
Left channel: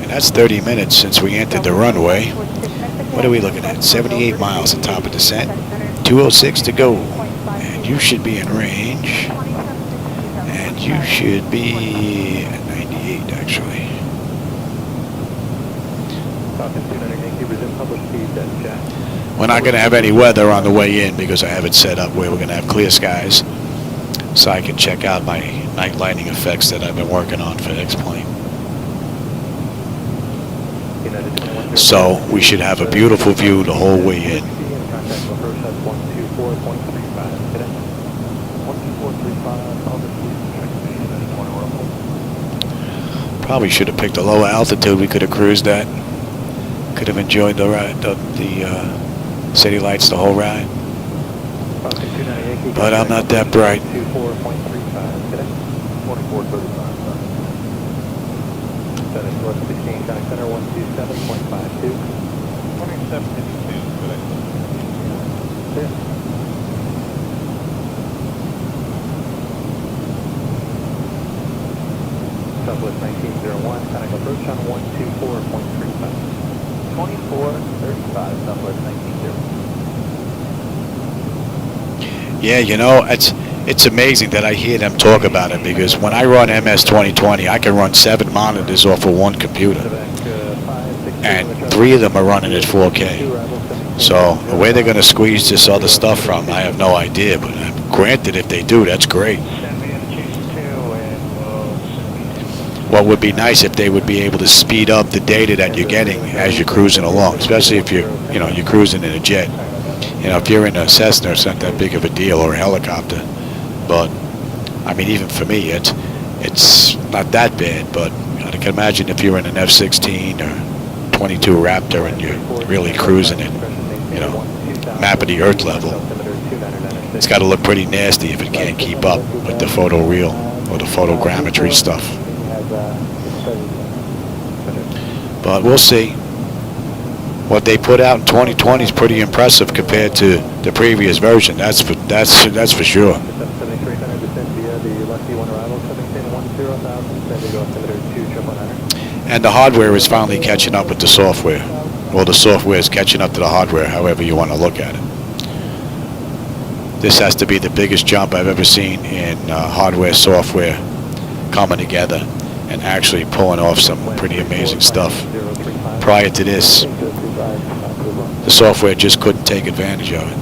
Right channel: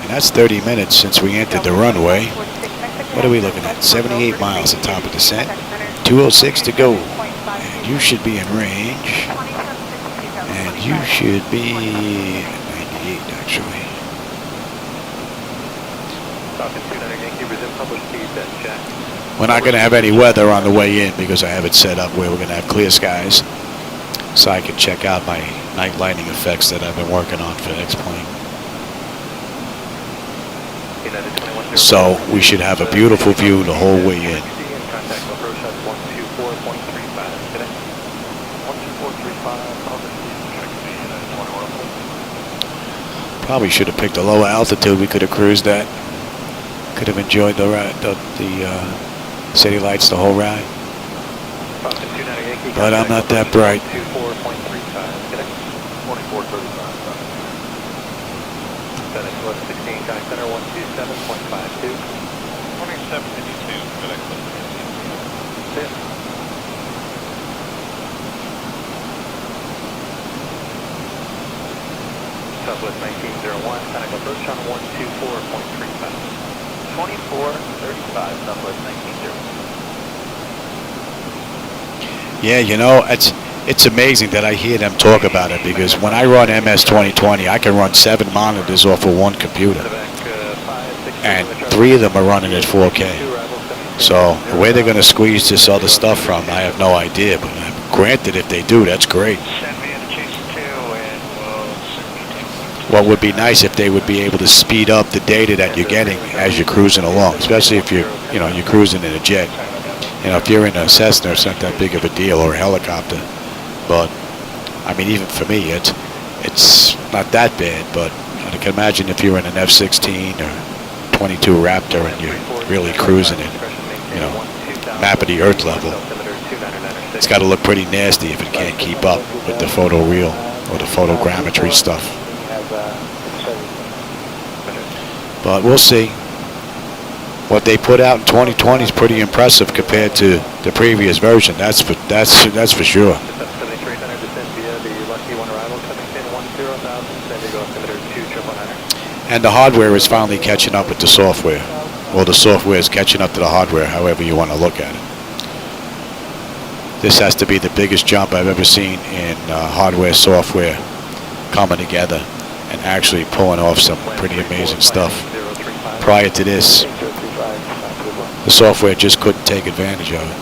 And that's 30 minutes since we entered the runway. What are we looking at? 78 miles at top of descent. 206 to go. And you should be in range. And you should be at 98 actually. We're not going to have any weather on the way in because I have it set up where we're going to have clear skies. So I can check out my night lighting effects that I've been working on for X-Plane. So we should have a beautiful view the whole way in. Probably should have picked a lower altitude. We could have cruised that. Could have enjoyed the ride, the city lights the whole ride. But I'm not that bright. Southwest 1901, contact approach on 124.35. 2435, Southwest 1901. Yeah, you know, it's amazing that I hear them talk about it because when I run MS 2020, I can run 7 monitors off of one computer. And 3 of them are running at 4K. So where they're going to squeeze this other stuff from, I have no idea. But granted, if they do, that's great. What would be nice if they would be able to speed up the data that you're getting as you're cruising along, especially if you're cruising in a jet. You know, if you're in a Cessna, it's not that big of a deal, or a helicopter. But I mean, even for me, it's not that bad. But I can imagine if you're in an F-16 or 22 Raptor and you're really cruising it, you know, map of the Earth level. It's got to look pretty nasty if it can't keep up with the photoreal or the photogrammetry stuff. But we'll see. What they put out in 2020 is pretty impressive compared to the previous version. That's for sure. And the hardware is finally catching up with the software. Well, the software is catching up to the hardware, however you want to look at it. This has to be the biggest jump I've ever seen in hardware, software coming together and actually pulling off some pretty amazing stuff. Prior to this, the software just couldn't take advantage of it.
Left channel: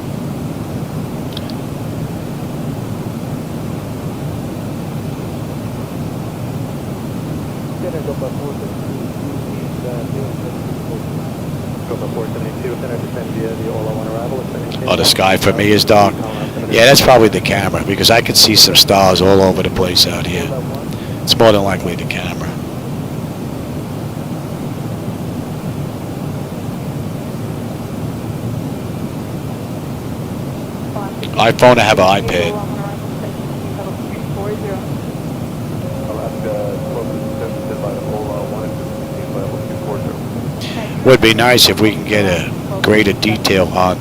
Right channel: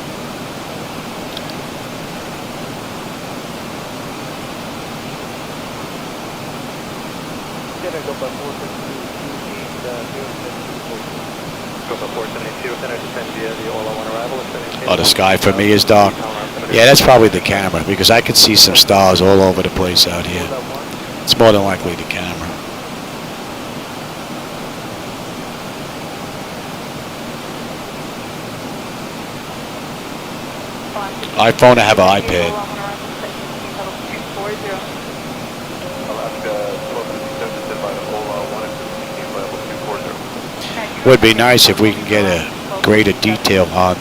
Oh, the sky for me is dark. Yeah, that's probably the camera, because I can see some stars all over the place out here. It's more than likely the camera. iPhone, I have an iPad. Would be nice if we can get a greater detail on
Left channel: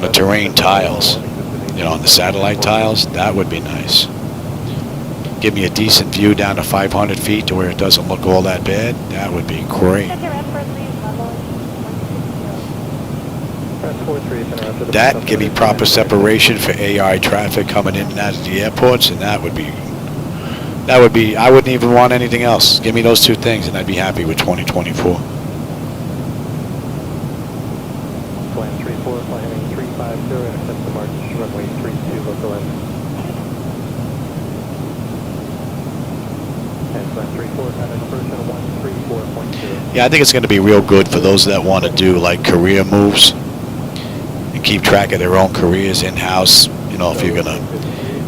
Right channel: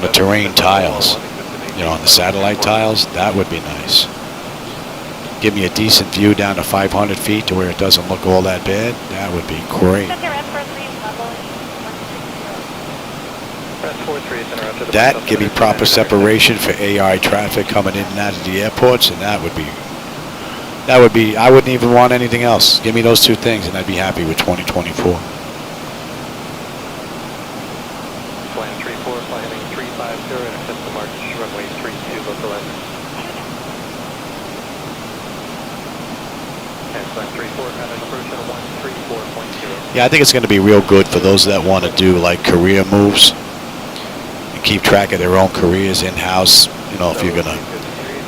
the terrain tiles, you know, on the satellite tiles. That would be nice. Give me a decent view down to 500 feet to where it doesn't look all that bad. That would be great. That, give me proper separation for AI traffic coming in and out of the airports, and that would be, I wouldn't even want anything else. Give me those two things and I'd be happy with 2024. Yeah, I think it's going to be real good for those that want to do like career moves and keep track of their own careers in-house. You know, if you're going to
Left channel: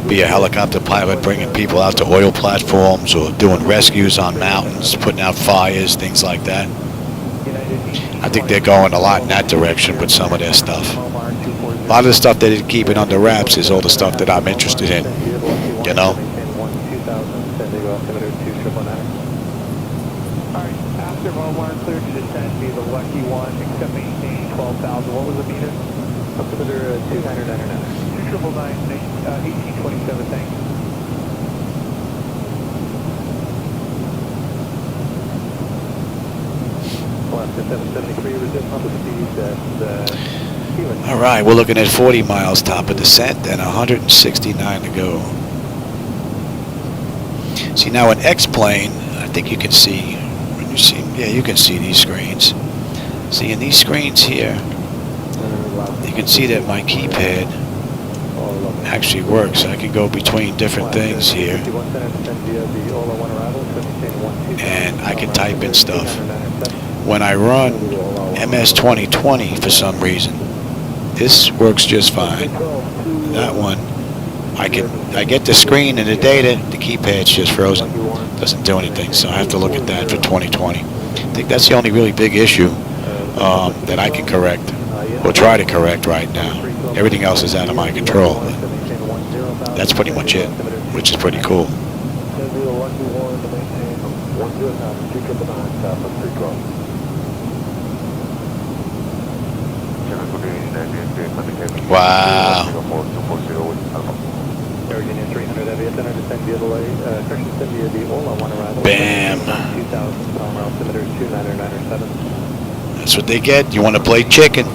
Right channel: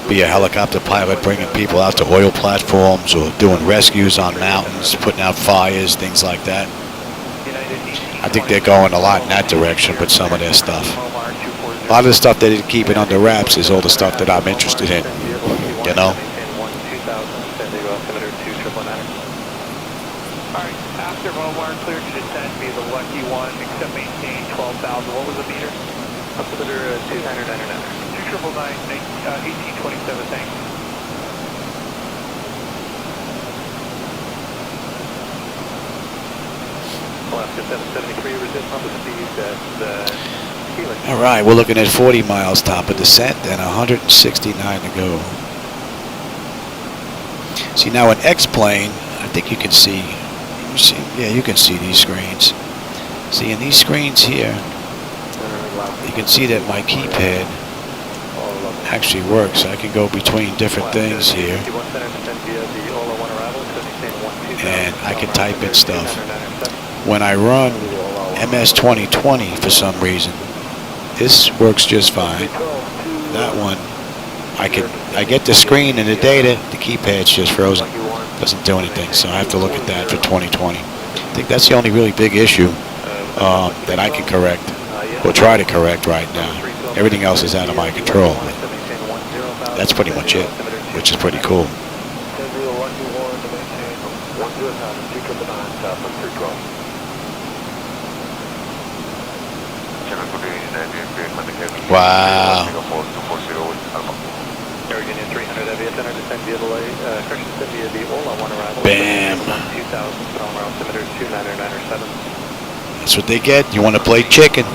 be a helicopter pilot bringing people out to oil platforms or doing rescues on mountains, putting out fires, things like that. I think they're going a lot in that direction with some of their stuff. A lot of the stuff that they're keeping under wraps is all the stuff that I'm interested in, you know? All right, we're looking at 40 miles top of descent and 169 to go. See, now an X-plane, I think you can see, yeah, you can see these screens. See, in these screens here, you can see that my keypad actually works. I can go between different things here, and I can type in stuff. When I run MS 2020 for some reason, this works just fine. That one, I get the screen and the data, the keypad's just frozen. Doesn't do anything, so I have to look at that for 2020. I think that's the only really big issue that I can correct, or try to correct right now. Everything else is out of my control, but that's pretty much it, which is pretty cool. Wow. Bam. That's what they get. You want to play chicken.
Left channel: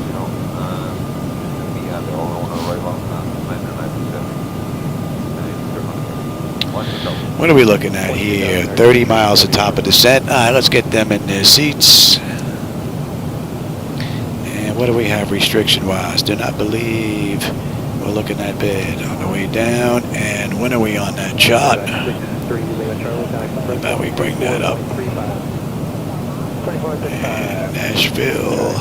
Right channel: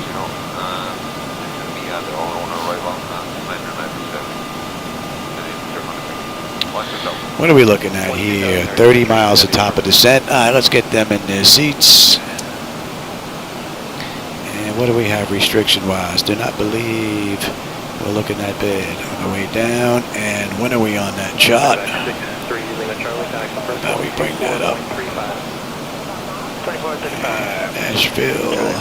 What are we looking at here? 30 miles at top of descent. All right, let's get them in their seats. And what do we have restriction-wise? Do not believe we're looking that bad on the way down. And when are we on that chart? How about we bring that up? And Nashville.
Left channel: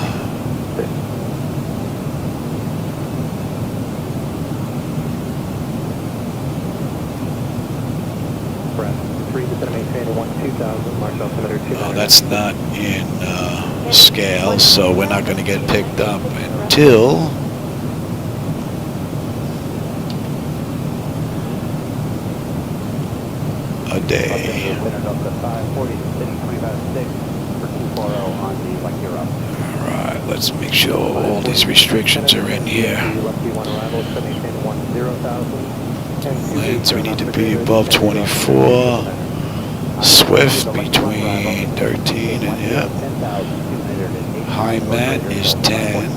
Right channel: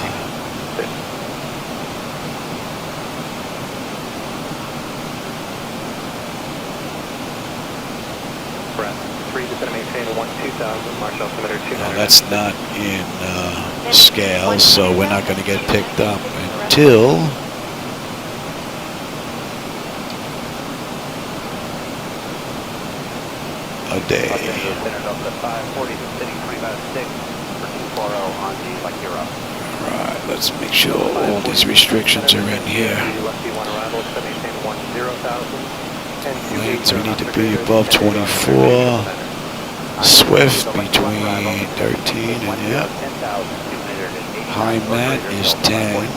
Oh, that's not in scale, so we're not going to get picked up until a day. Alright, let's make sure all these restrictions are in here. Lens, we need to be above 24. Swift between 13 and yeah. High mat is 10.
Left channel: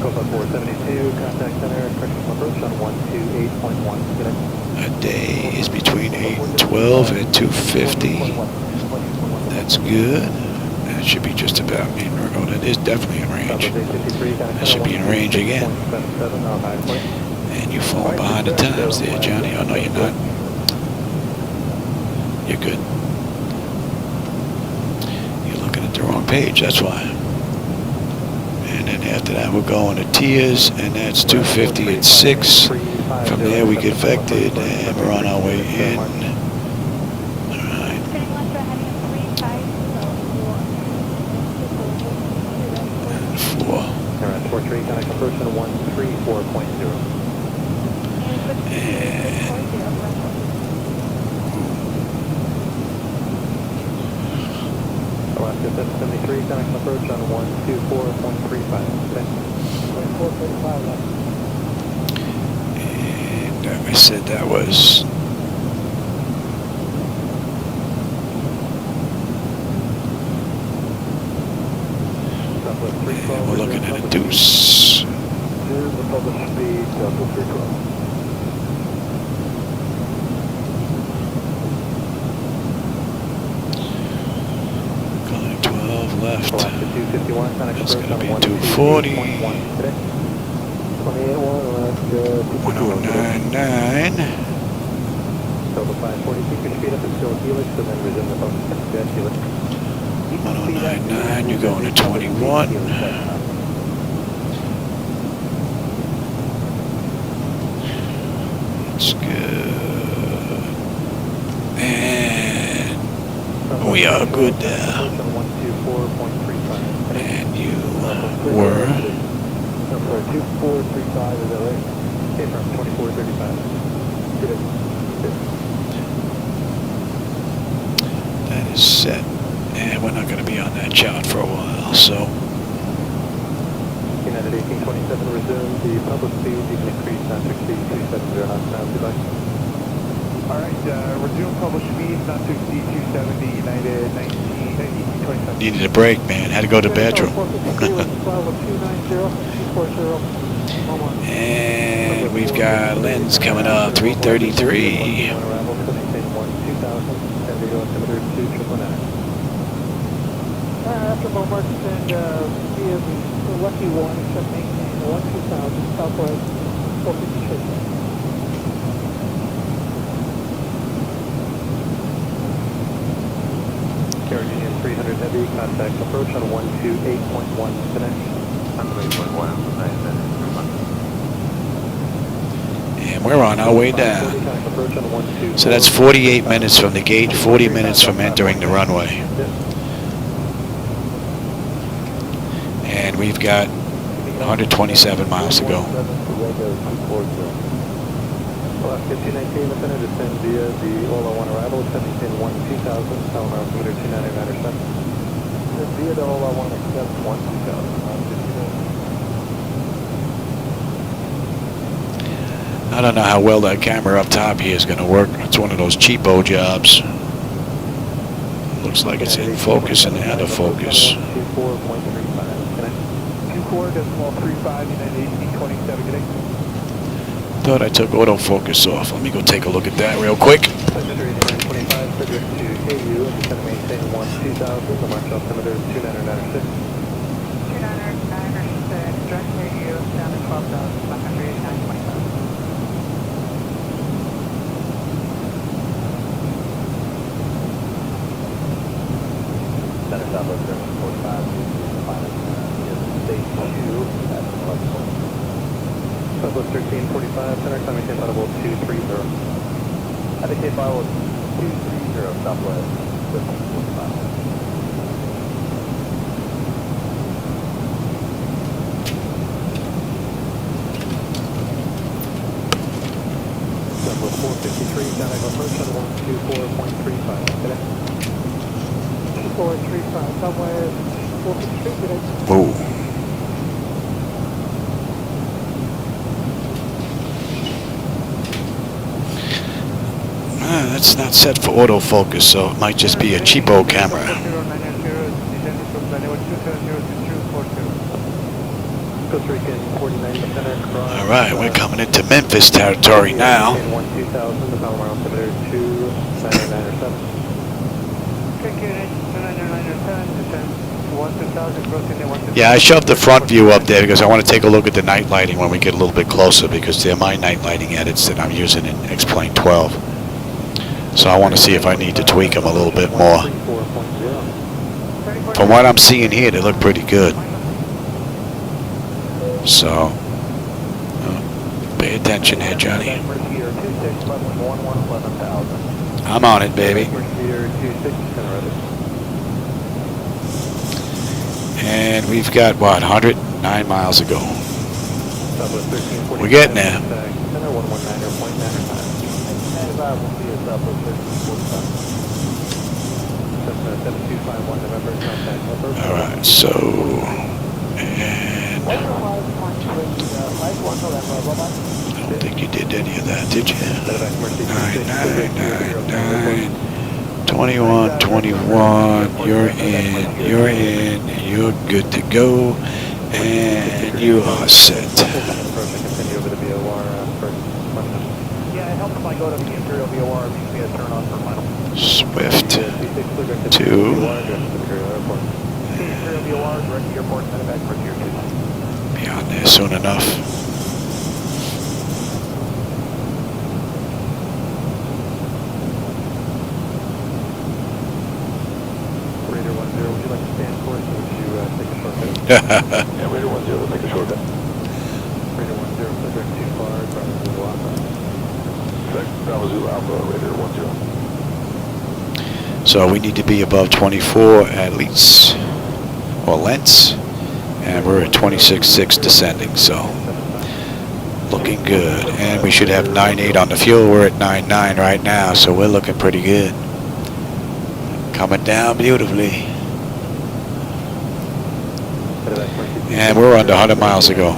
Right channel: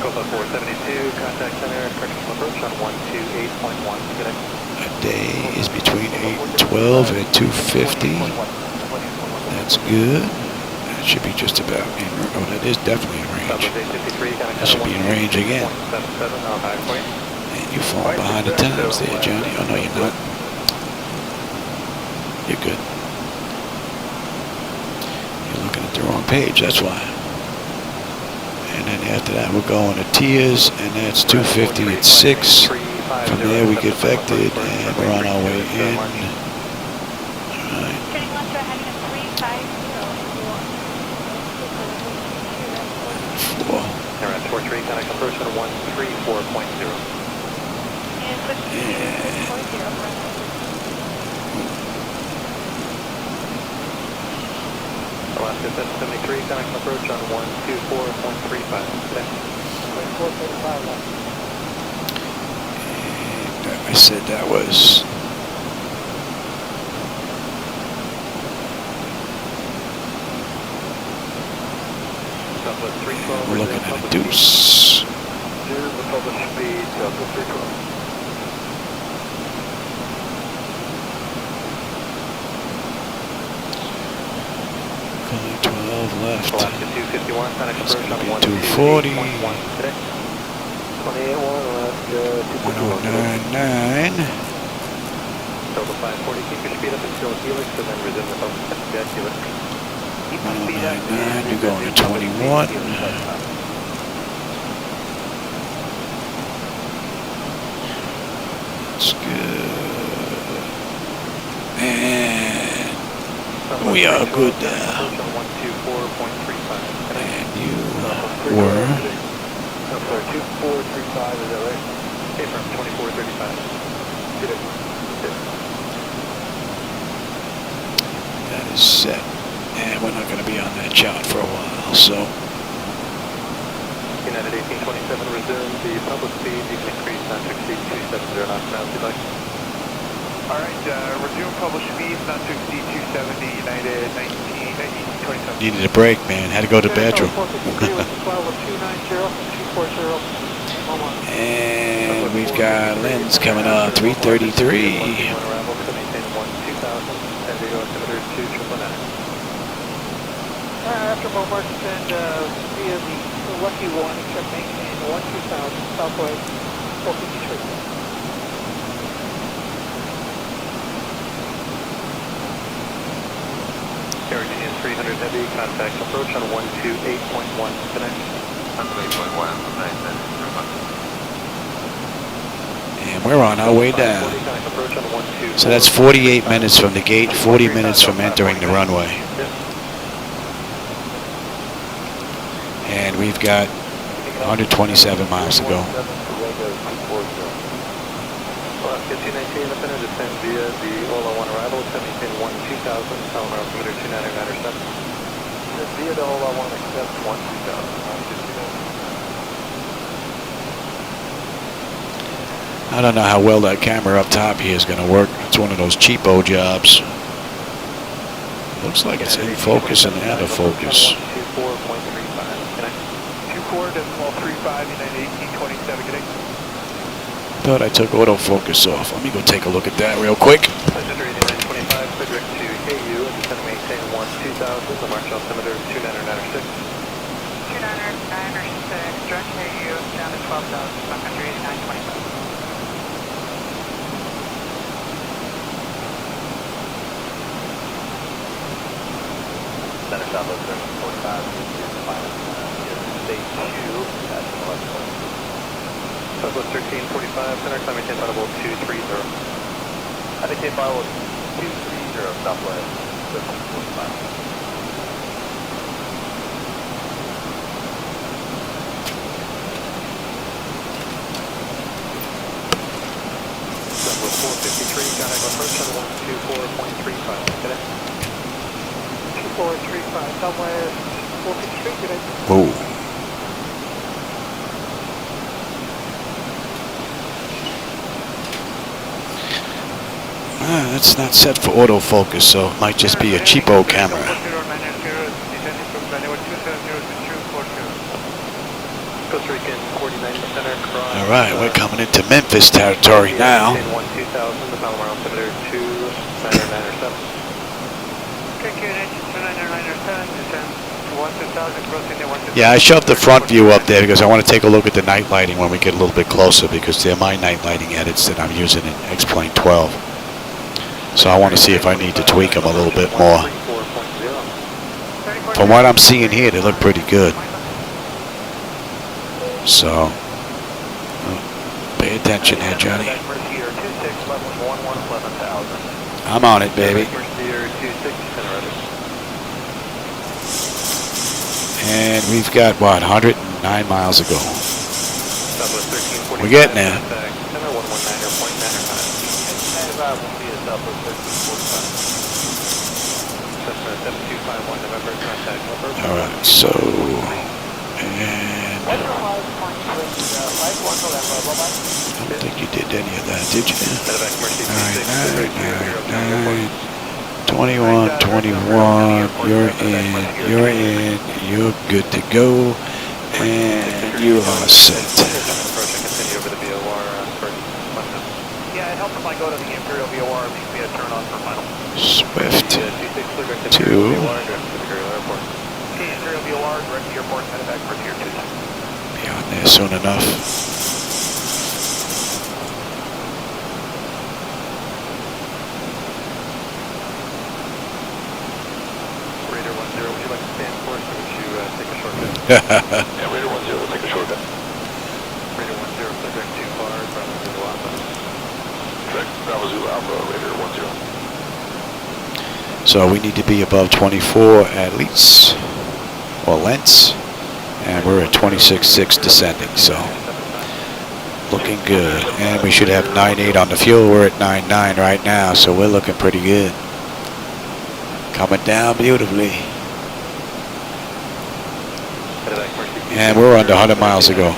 Copa 472, contact center, correction approach on 128.1. A day is between 8 and 12 at 250. That's good. That should be just about in. Oh, that is definitely in range. That should be in range again. And you're falling behind the times there, Johnny. Oh, no, you're not. You're good. You're looking at the wrong page, that's why. And then after that, we're going to Tiers, and that's 250 at 6. From there, we get vectored, and we're on our way in. All right. And 4. And Alaska 773, contact approach on 124.35. and I said that was and we're looking at a deuce. Here's the published speed, Delta 312. Going 12 left. Alaska 251, contact That's approach going to on be 128.1 240. today. 28.1 left, 1099. Delta 540, keep your speed up until Helix, and then resume the focus at Helix. 1099. You're going to 21. That's good. And we are good there. And you were 2435, is that right? Okay, from 2435. that is set. And we're not going to be on that chart for a while, so United 1827, resume the public speed. You can increase not to exceed 270 knots per hour if you'd like. Alright, resume public speed not to exceed 270, United 1827. needed a break, man. Had to go to the bathroom. And we've got Lens coming up, 333. After Beaumont, send via the Lucky One, check maintain 12000 Southwest 453. Caribbean 300 Heavy, contact approach on 128.1 today. 128.1, And we're on our way down. So that's 48 minutes from the gate, 40 minutes from entering the runway. And we've got 127 miles to go. Alaska 219, descend via the Ola 1 arrival, 17-1-2000, power altimeter 299 via the Ola 1 accept 1-2000. I don't know how well that camera up top here is going to work. It's one of those cheapo jobs. Looks like it's in focus and out of focus. 24.35, United 1827, good day. Thought I took autofocus off. Let me go take a look at that real quick. Passenger 25, subject to KU, descend maintain 1-2000, the march altimeter 299. 299, direct KU down to 12,589.25. Center Southwest 745 is the final stage 2 at 11. Southwest 1345, center climbing Cape Audible 230. I think Cape Audible 230 Southwest 745. Southwest 453, contact approach on 124.35 today. 2435, Southwest 453, good day. Whoa. That's not set for autofocus, so it might just be a cheapo camera. Costa Rican 49 center. All right, we're coming into Memphis territory now. 12,000, the mile around altimeter 29907. Yeah, I shoved the front view up there because I want to take a look at the night lighting when we get a little bit closer, because they're my night lighting edits that I'm using in X-Plane 12. So I want to see if I need to tweak them a little bit more. From what I'm seeing here, they look pretty good. So, pay attention here, Johnny. I'm on it, baby. And we've got, what, 109 miles to go. We're getting there. All right, so, and I don't think you did any of that, did you? 9999 21 21. You're in. You're good to go, and you are set. Swift 2. Be on there soon enough. Yeah, Raider 10, take a shortcut. Raider 10, subject too far, Bravo Zulu Alpha. Bravo Zulu Alpha, Raider 10. So we need to be above 24 at least, or lengths, and we're at 26.6 descending, so looking good. And we should have 9.8 on the fuel. We're at 9.9 right now, so we're looking pretty good. Coming down beautifully. And we're under 100 miles to go.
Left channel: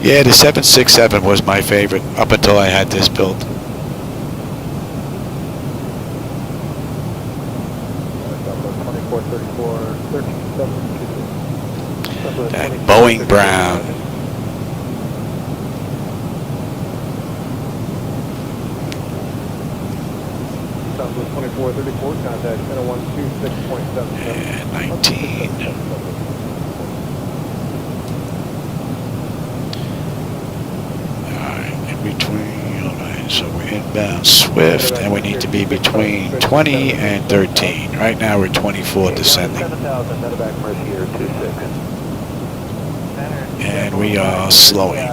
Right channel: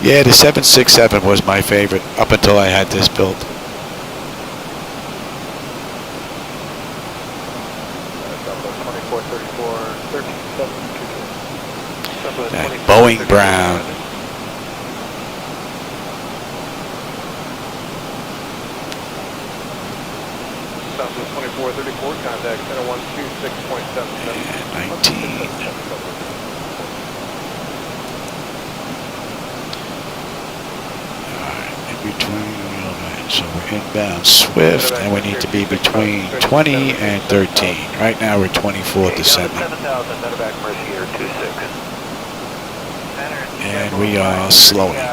Yeah, the 767 was my favorite up until I had this built. That Boeing Brown. And 19. Alright, in between, alright, so we're inbound Swift, and we need to be between 20 and 13. Right now we're 24 descending. And we are slowing.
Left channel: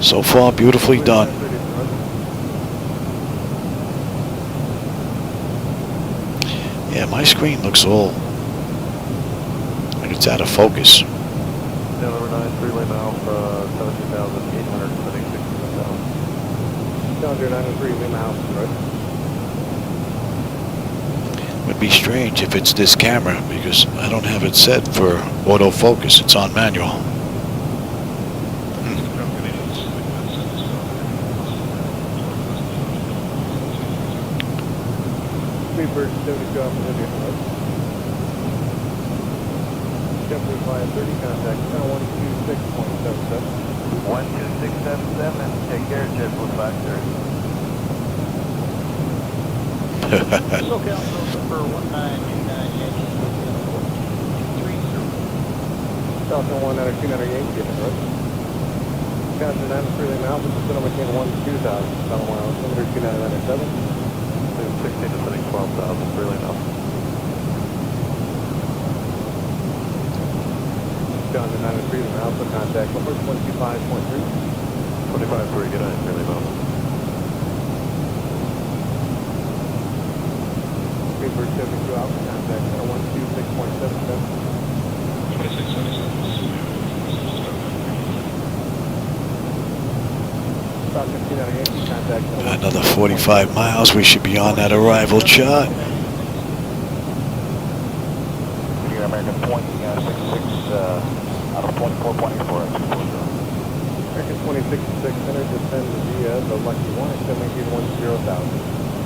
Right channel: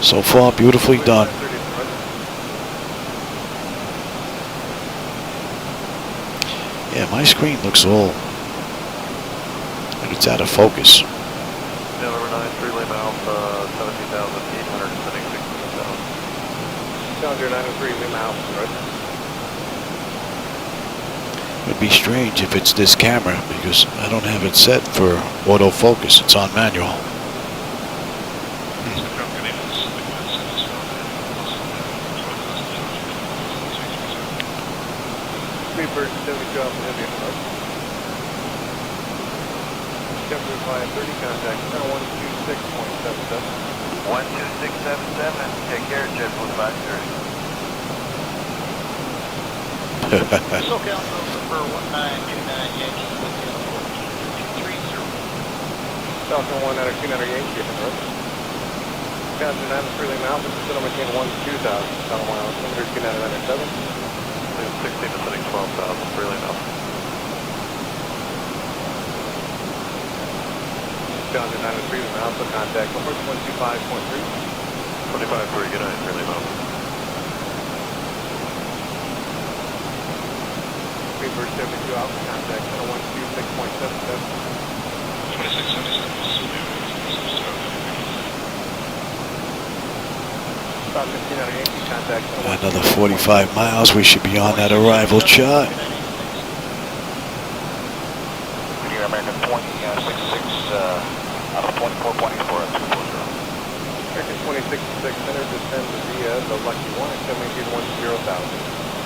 So far, beautifully done. Yeah, my screen looks all like it's out of focus. Would be strange if it's this camera, because I don't have it set for autofocus. It's on manual. Another 45 miles. We should be on that arrival chart. American 2066 out of 24.84. 26.6 center, descend via the Lucky 1 at 1710,000.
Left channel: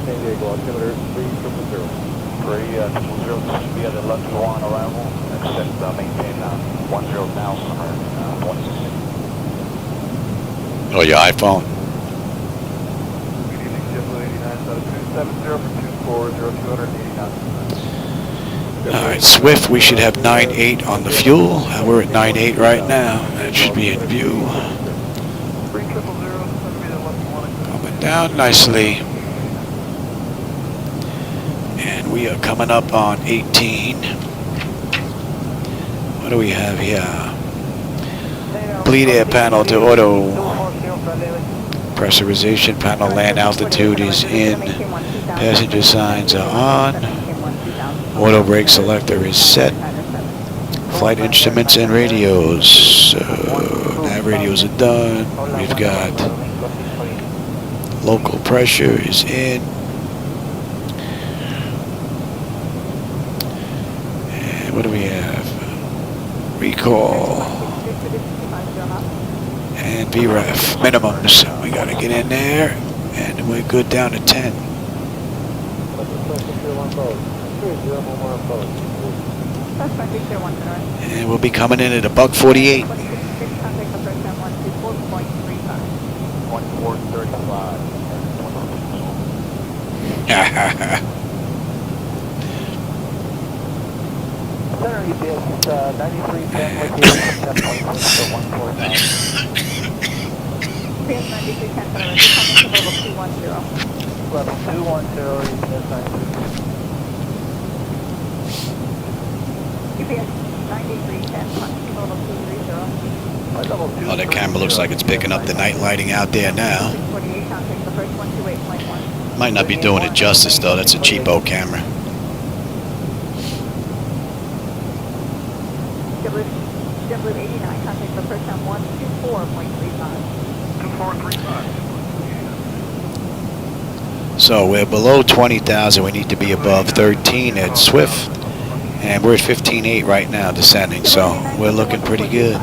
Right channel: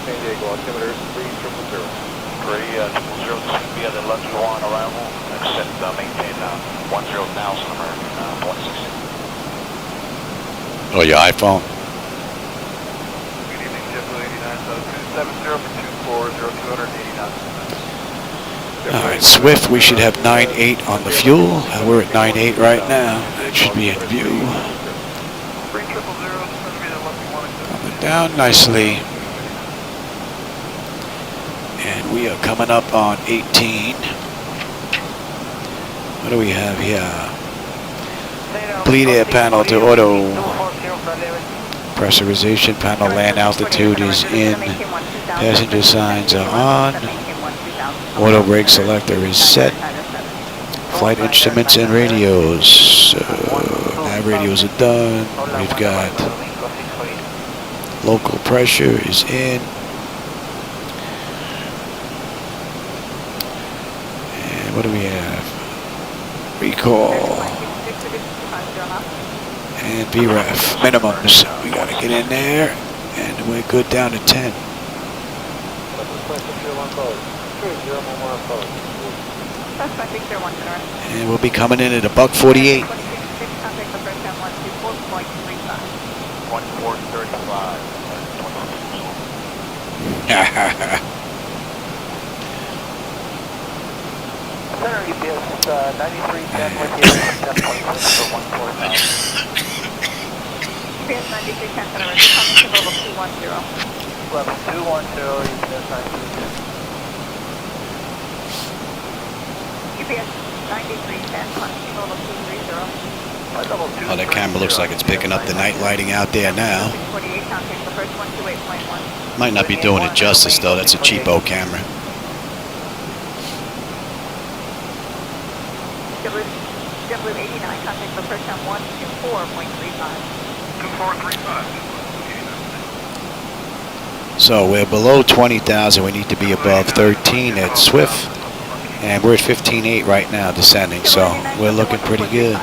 San Diego altimeter is 3000. 3000 via the Lucky 1 arrival. Extend maintain 10,000 American 26. Oh, your iPhone. Good evening, JetBlue 89, 270, 289. All right, Swift, we should have 9.8 on the fuel. We're at 9.8 right now. That should be in view. Coming down nicely. And we are coming up on 18. What do we have here? Bleed air panel to auto. Pressurization panel, land altitude is in. Passenger signs are on. Auto brake selector is set. Flight instruments and radios. Nav radios are done. We've got local pressure is in. And what do we have? Recall. And VREF minimums. We got to get in there. And we're good down to 10. And we'll be coming in at $148. 1435. Oh, that camera looks like it's picking up the night lighting out there now. Might not be doing it justice, though. That's a cheapo camera. JetBlue 89, contact for first time 124.35. So we're below 20,000. We need to be above 13 at Swift. And we're at 15.8 right now, descending. So we're looking pretty good.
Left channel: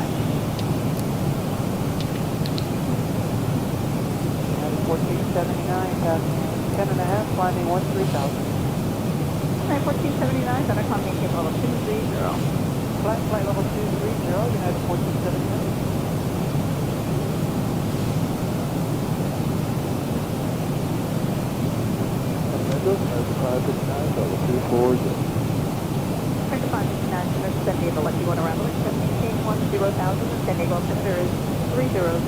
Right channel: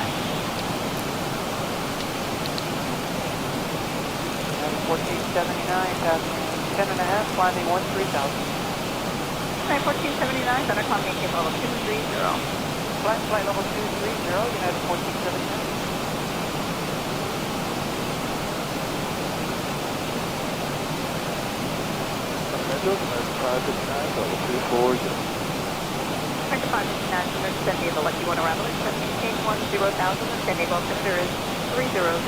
10.5, climbing 13,000. 1479, center climbing level 230. Flight level 230, United 1479. San Diego Lucky 1 around the 1710,000. San Diego altimeter is 3000.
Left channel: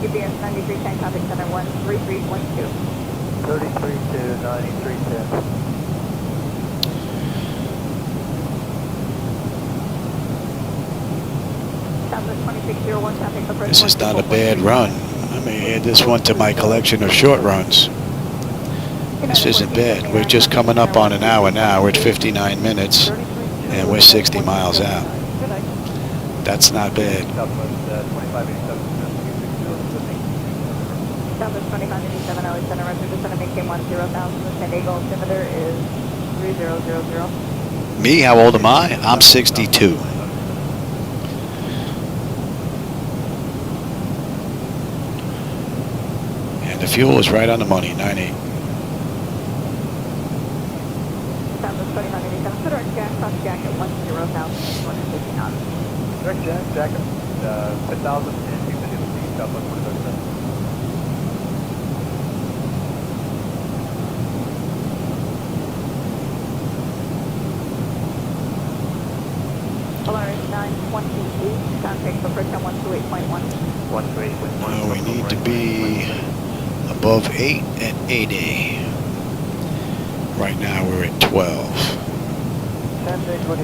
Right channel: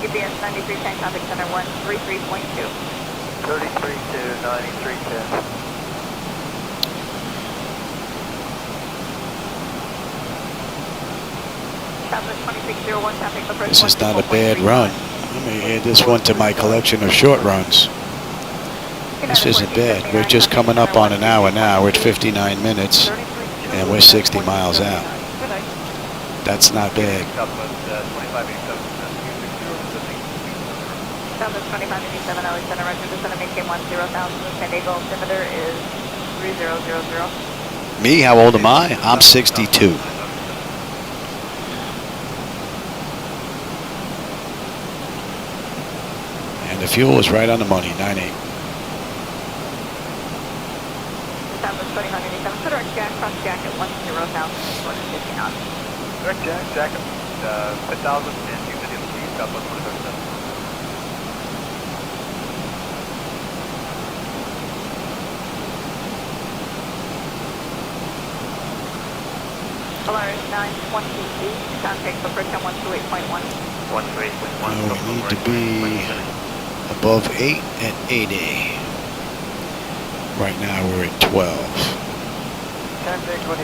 UPS 9310, contact center 133.2. 33 to 9310. This is not a bad run. I may add this one to my collection of short runs. This isn't bad. We're just coming up on an hour now. We're at 59 minutes, and we're 60 miles out. That's not bad. Southwest 2587, LA Center, Roger, the center maintain 10,000. San Diego altimeter is 3000. Me, how old am I? I'm 62. And the fuel is right on the money, 9.8. Southwest 2587, direct jack, cross jack at 10,050 knots. Direct jack, 10,000 and you can see Southwest 107. Polaris 928, contact for first time 128.1. 138.1. We need to be above 8 at 80. Right now we're at 12.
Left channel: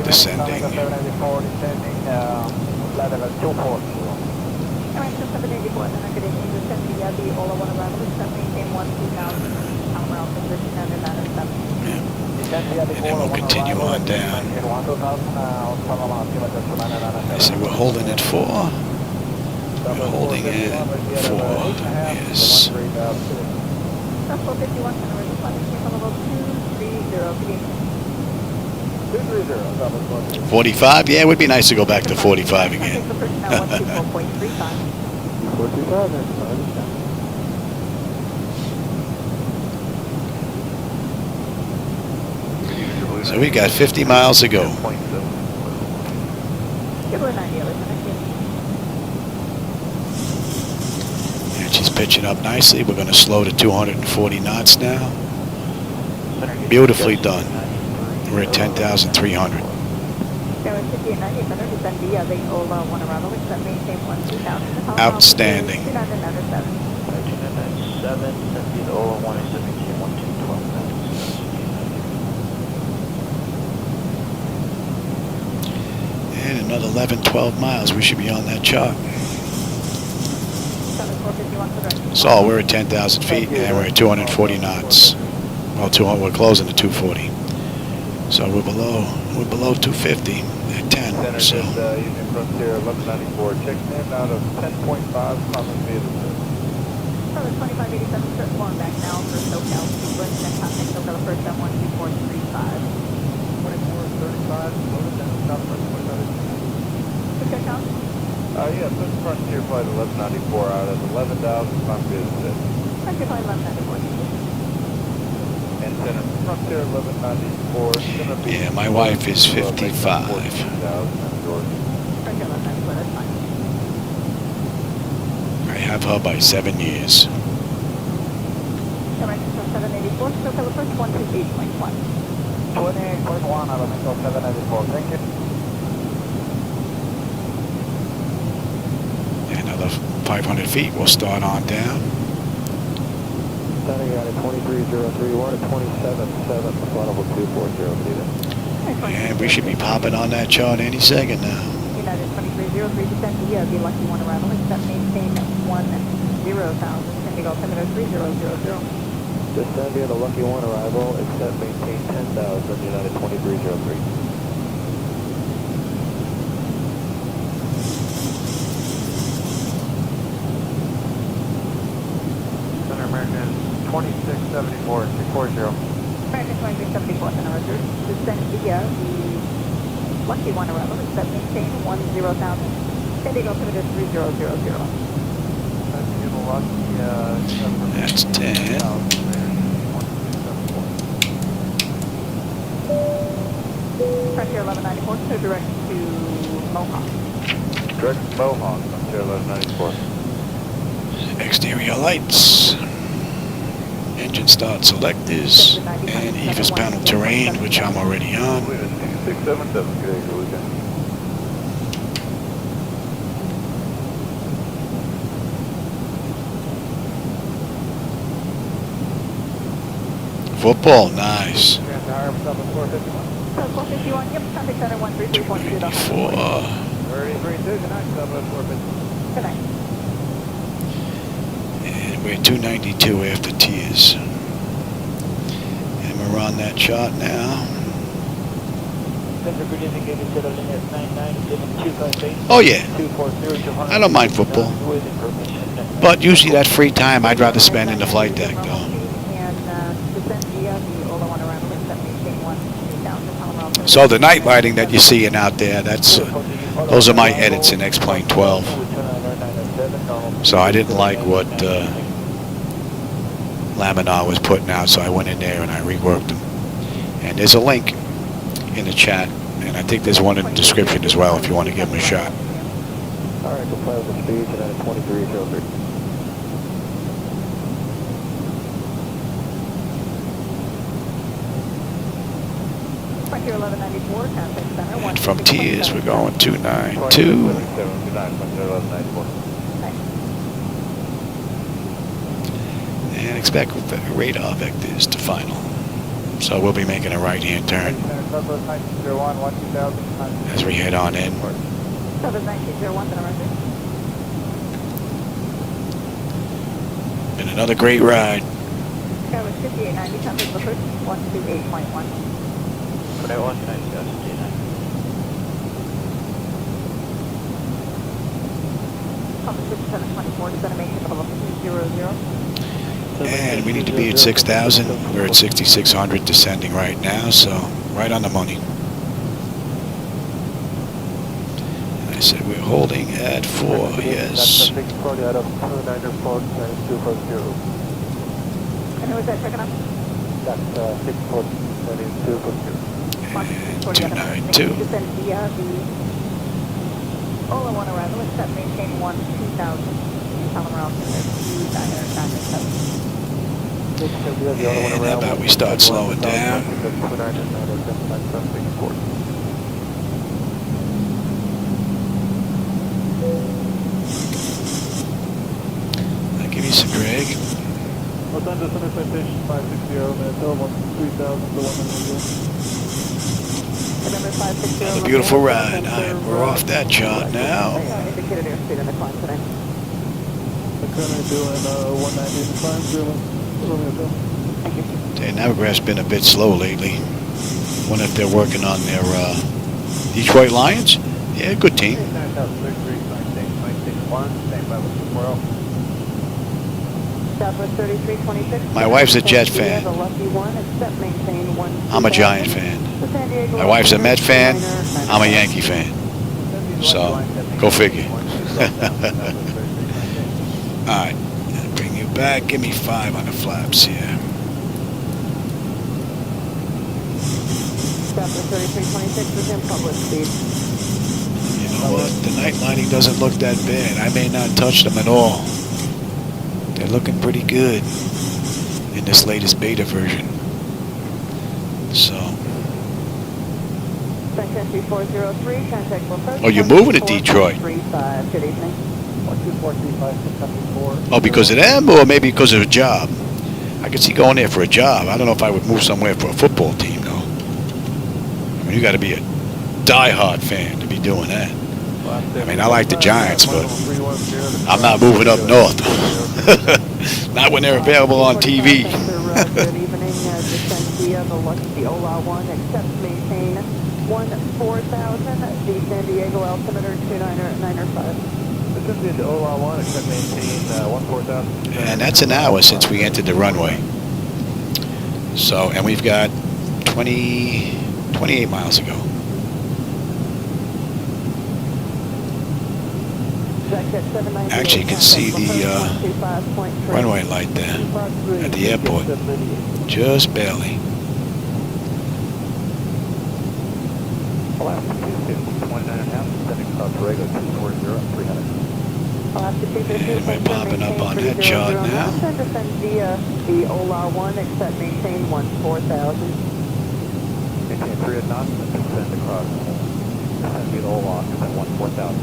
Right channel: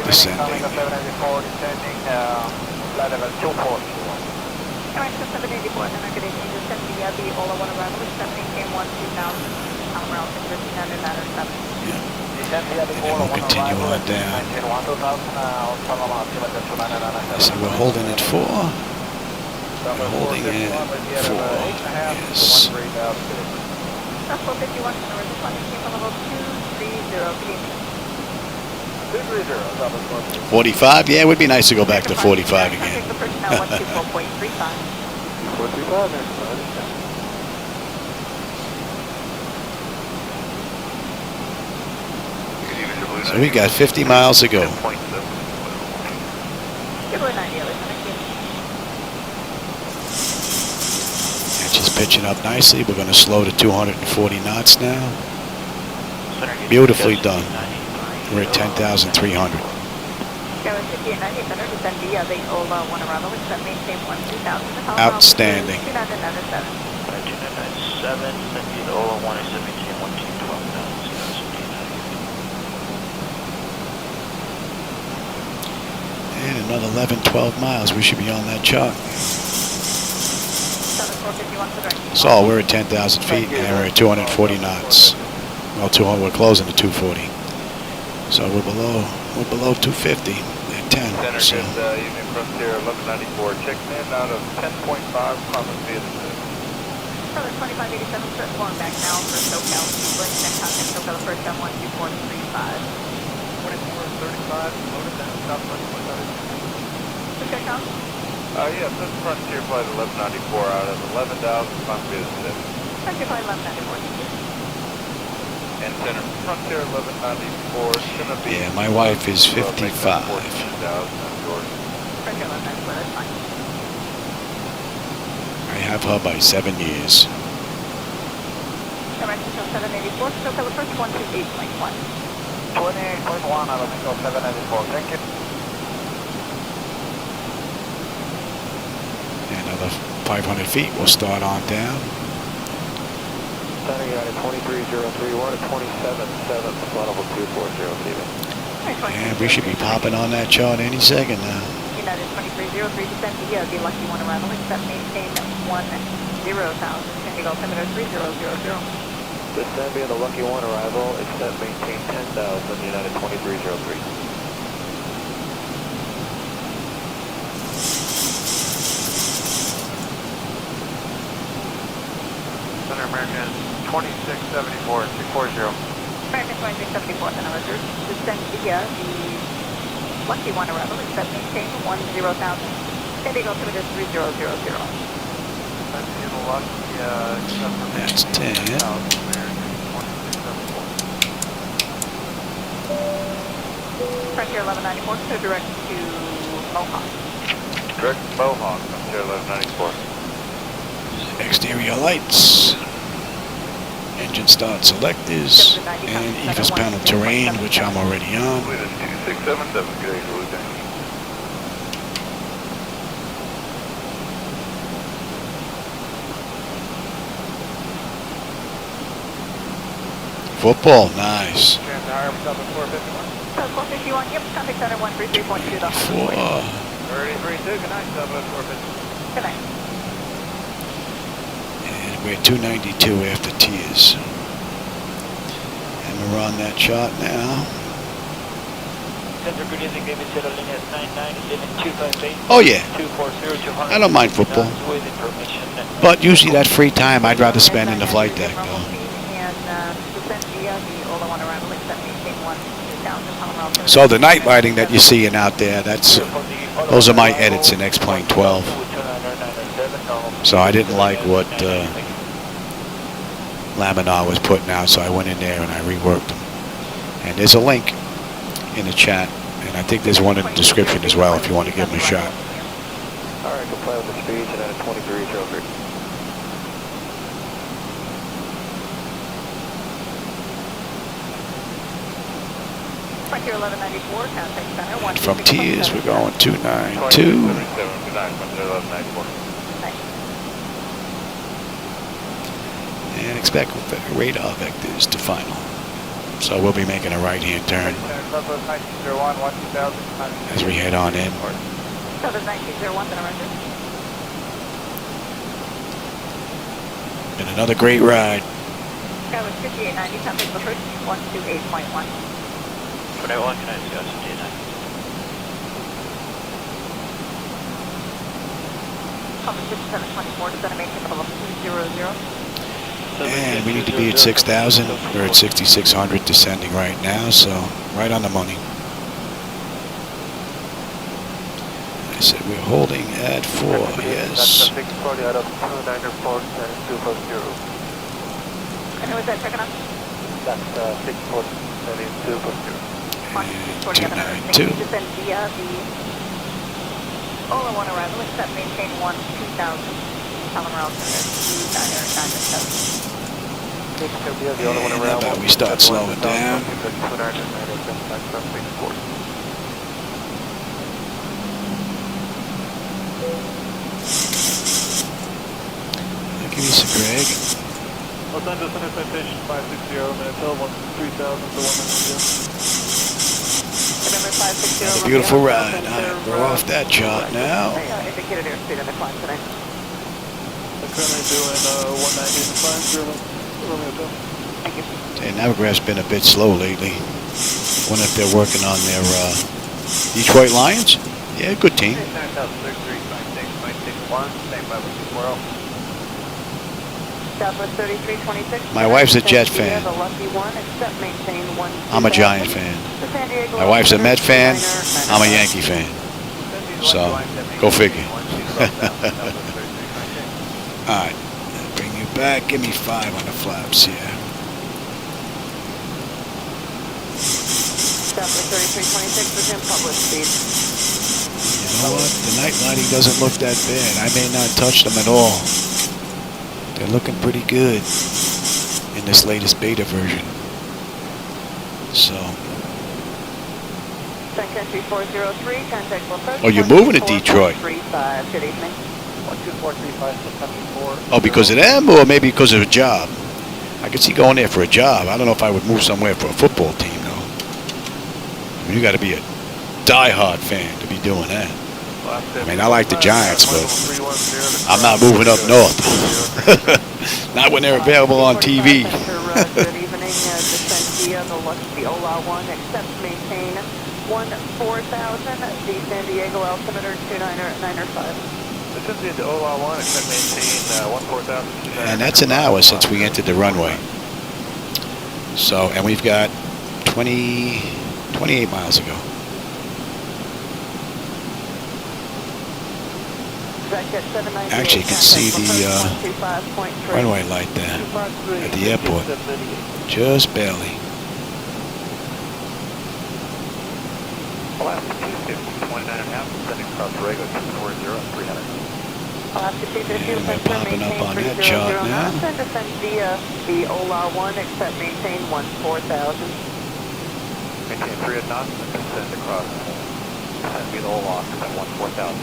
Descending. Yeah. and then we'll continue on down. I say we're holding at 4. We're holding at 4. Yes. 45? Yeah, it would be nice to go back to 45 again. So we got 50 miles to go. And she's pitching up nicely. We're going to slow to 240 knots now. Beautifully done. We're at 10,300. Outstanding. And another 11, 12 miles. We should be on that chart. So we're at 10,000 feet and we're at 240 knots. Well, we're closing to 240. So we're below 250 at 10. So. Yes, this Frontier Flight 1194 out of 11,000 Frontier 6. Frontier Flight 1194. And center Frontier 1194. Yeah, my wife is 55. I have her by 7 years. Another 500 feet. We'll start on down. And we should be popping on that chart any second now. This Zambia, the lucky one arrival is set maintain 10,000, United 2303. Center American 2674, 240. American 2674, Center Roger. This Zambia, the lucky one arrival is set maintain 10,000, Indigo altimeter 3000. That's 10. Frontier 1194, so direct to Mohawk. Direct to Mohawk, Frontier 1194. Exterior lights. Engine start selectors. And EVIS panel terrain, which I'm already on. 2677, good day, Lieutenant. Football, nice. 294. And we're 292 after tears. And we're on that chart now. Oh yeah. I don't mind football. But usually that free time I'd rather spend in the flight deck though. So the night lighting that you're seeing out there, those are my edits in X-Plane 12. So I didn't like what Laminar was putting out, so I went in there and I reworked them. And there's a link in the chat, and I think there's one in the description as well if you want to give them a shot. All right, comply with the speeds and at 2303. And from Tears, we're going 292. And expect radar vectors to final. So we'll be making a right-hand turn as we head on in. Been another great ride. one, can I discuss Gina? And we need to be at 6,000. We're at 6,600 descending right now, so right on the money. And I said we're holding at 4, yes. And who is that checking on? That's 640, that is 2. And 292. Descend via the Ola 1 arrival, except maintain 1-2000, common route 2997. And how about we start slowing down? I'll give you some Greg. What time does Center Citation 560, Manitoba 3000 to 190? November 560. Another beautiful ride. All right, we're off that chart now. Indicated airspeed on the climb tonight. I'm currently doing 190 in the climb, Thank you. Okay, Navigraph's been a bit slow lately. Wonder if they're working on their Detroit Lions? Yeah, good team. Southwest 3326. My wife's a Jet fan. I'm a Giant fan. My wife's a Met fan. I'm a Yankee fan. So, go figure. All right, bring you back. Give me 5 on the flaps here. Southwest 3326 with him, public speed. You know what? The night lighting doesn't look that bad. I may not touch them at all. They're looking pretty good in this latest beta version. So. Oh, you're moving to Detroit. Oh, because of them, or maybe because of a job? I could see going there for a job. I don't know if I would move somewhere for a football team, though. I mean, you got to be a diehard fan to be doing that. I mean, I like the Giants, but I'm not moving up north. Not when they're available on TV. And that's an hour since we entered the runway. So, and we've got 28 miles ago. Actually, you can see the runway light there at the airport. Just barely. And we're popping up on that chart now. The Ola 1, except maintain 14,000. Maintain 3 at knots and descend across. And be the Ola at 14,000.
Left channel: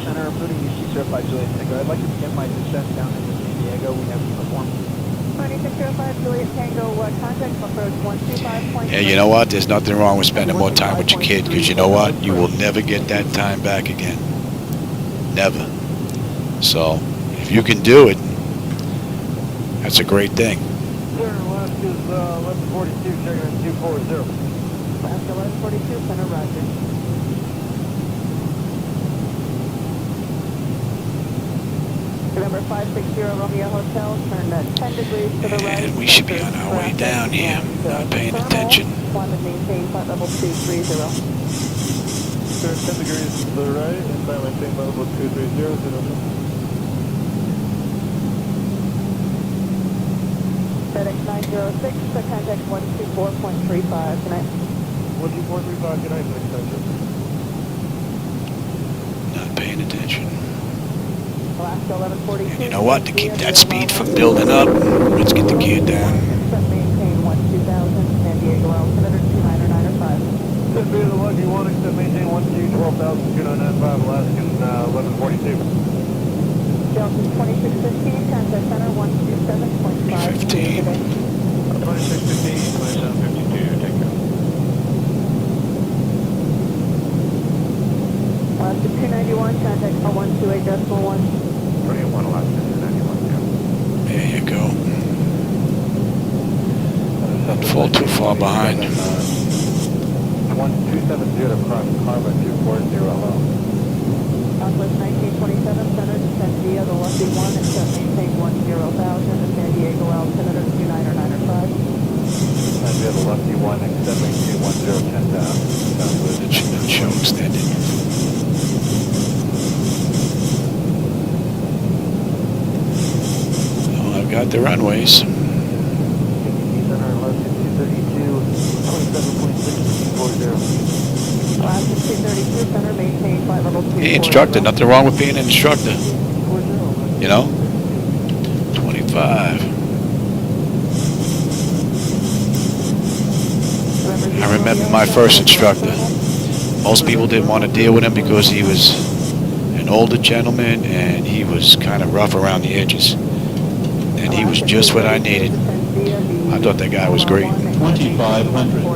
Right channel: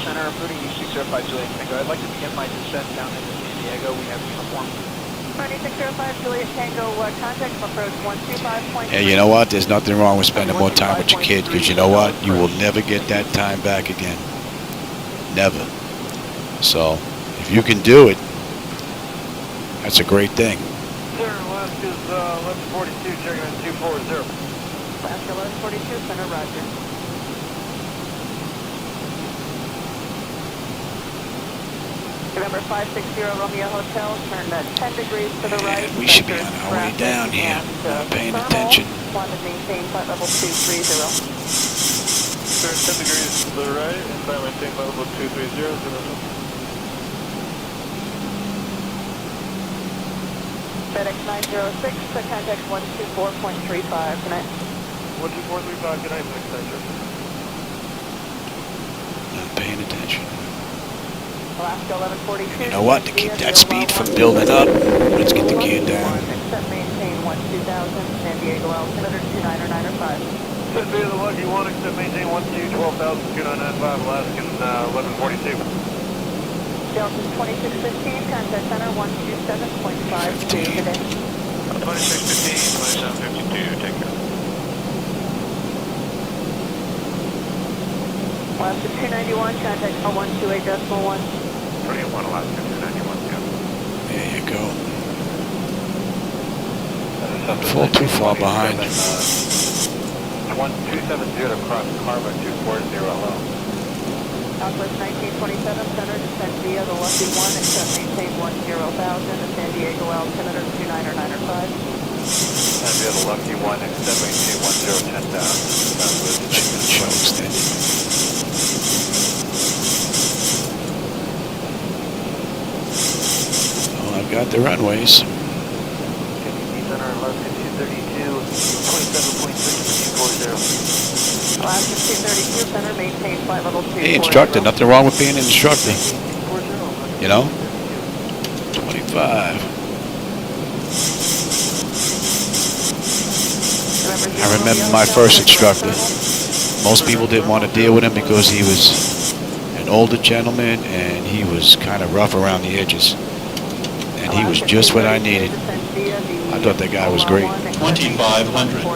Center, I'm putting you 605 Juliet Tango. I'd like to begin my descent down into San Diego. We have uniform. 605 Juliet Tango, contact from approach 125. Hey, you know what? There's nothing wrong with spending more time with your kid, because you know what? You will never get that time back again. Never. So, if you can do it, that's a great thing. Center, last is 1142, checking in 240. Last 1142, Center, roger. November 560 Romeo Hotel, turn 10 degrees to the right. And we should be on our way down here, not paying attention. Want to maintain flight level 230. Turn 10 degrees to the right, and flight maintain flight level 230. FedEx 906, contact 124.35 tonight. 124.35 tonight, Not paying attention. Alaska 1142. And you know what? To keep that speed from building up, let's get the gear down. Maintain 12,000, San Diego altimeter 29905. Send via the Lucky 1, except maintain 12,2995, Alaskan 1142. Delta 2615, contact center 127.5. 15. 2615, 2752, take care. Alaska 291, contact 128.1. 31 Alaska 291, There you go. Don't fall too far behind. 1270 to cross Harbor 240 low. Southwest 1927, center descend via the Lucky 1, except maintain 10,000, San Diego altimeter 29905. Descend via the Lucky 1, except maintain 10,000. It should not show extended. Oh, I've got the runways. Hey, instructor, nothing wrong with being an instructor. You know? 25. I remember my first instructor. Most people didn't want to deal with him because he was an older gentleman and he was kind of rough around the edges. And he was just what I needed. I thought that guy was great. 2,500.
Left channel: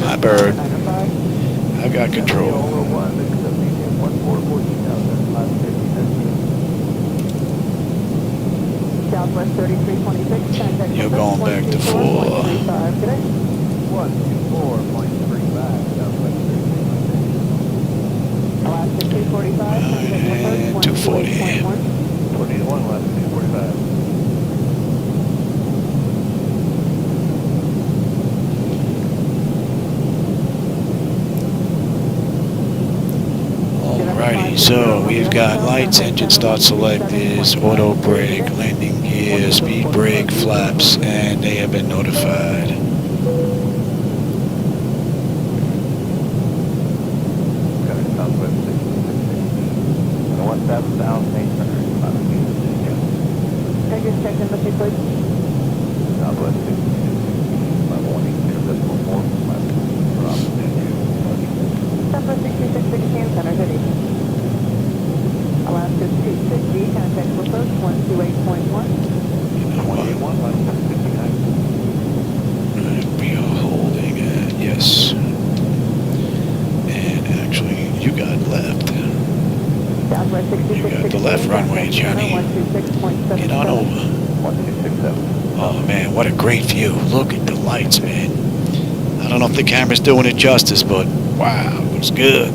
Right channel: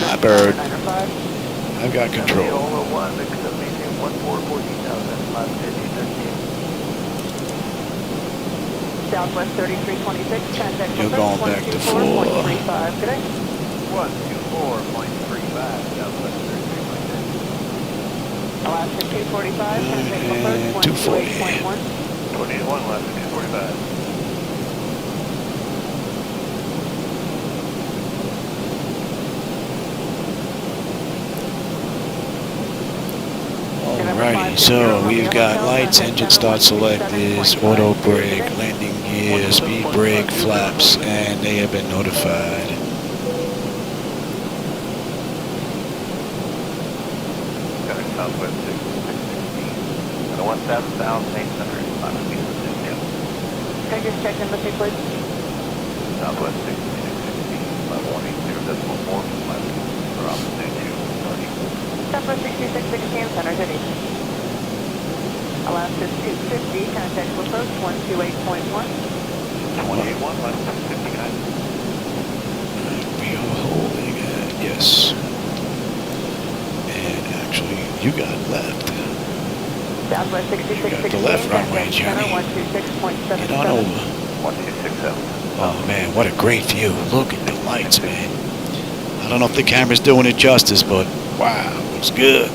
My bird. I've got control. You're going back to 4. And 240. Alrighty, so we've got lights, engine start select is auto brake, landing gear, speed brake, flaps, and they have been notified. Coming southwest 660. And 1,800. Can you check in with me, please? Southwest 660. 180.4. Southwest 6616, center to east. Alaska 250, contact with approach 128.1. We are holding at, yes. And actually, you got left. Southwest 6616. You got the left runway, Johnny. Get on over. 1267. Oh man, what a great view. Look at the lights, man. I don't know if the camera's doing it justice, but wow, it looks good.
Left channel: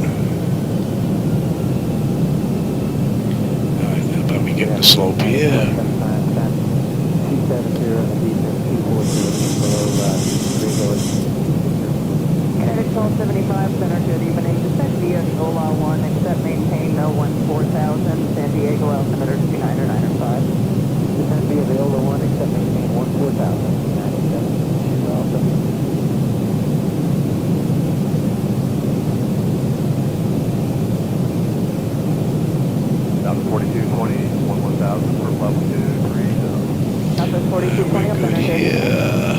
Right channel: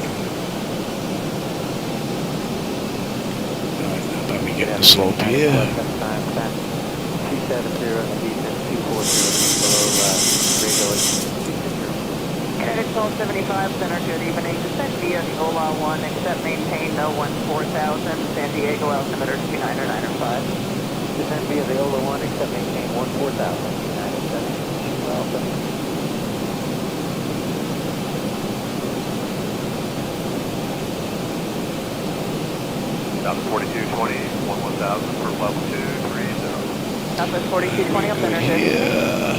Alright, how about we get in the slope here? Credit 1275, center to even a descent via the Ola 1, except maintain no 14,000, San Diego altimeter 29905. Descend via the Ola 1, except maintain 14,000. South 4220, 11,000 for level 2, 3, Southwest 4220, We're good here.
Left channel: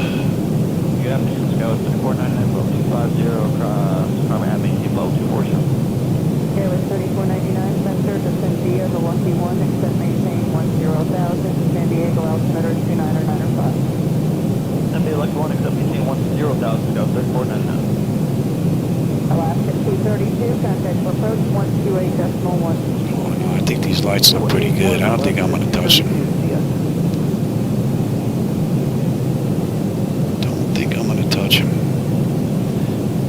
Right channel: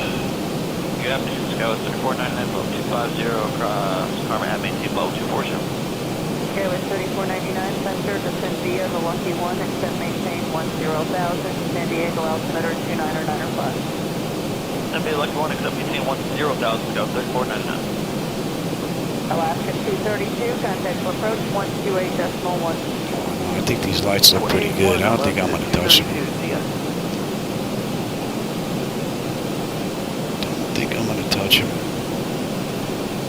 Good afternoon, Skywest 499, level 250, across Farmer Avenue, level 247. Airways 3499, center descend via the Lucky 1, except maintain 10,000, San Diego altimeter 29905. Descend via Lucky 1, except maintain 10,000, Skywest 499. Alaska 232, contact for approach 128.1. Oh no, I think these lights look pretty good. I don't think I'm gonna touch them. Don't think I'm gonna touch them. I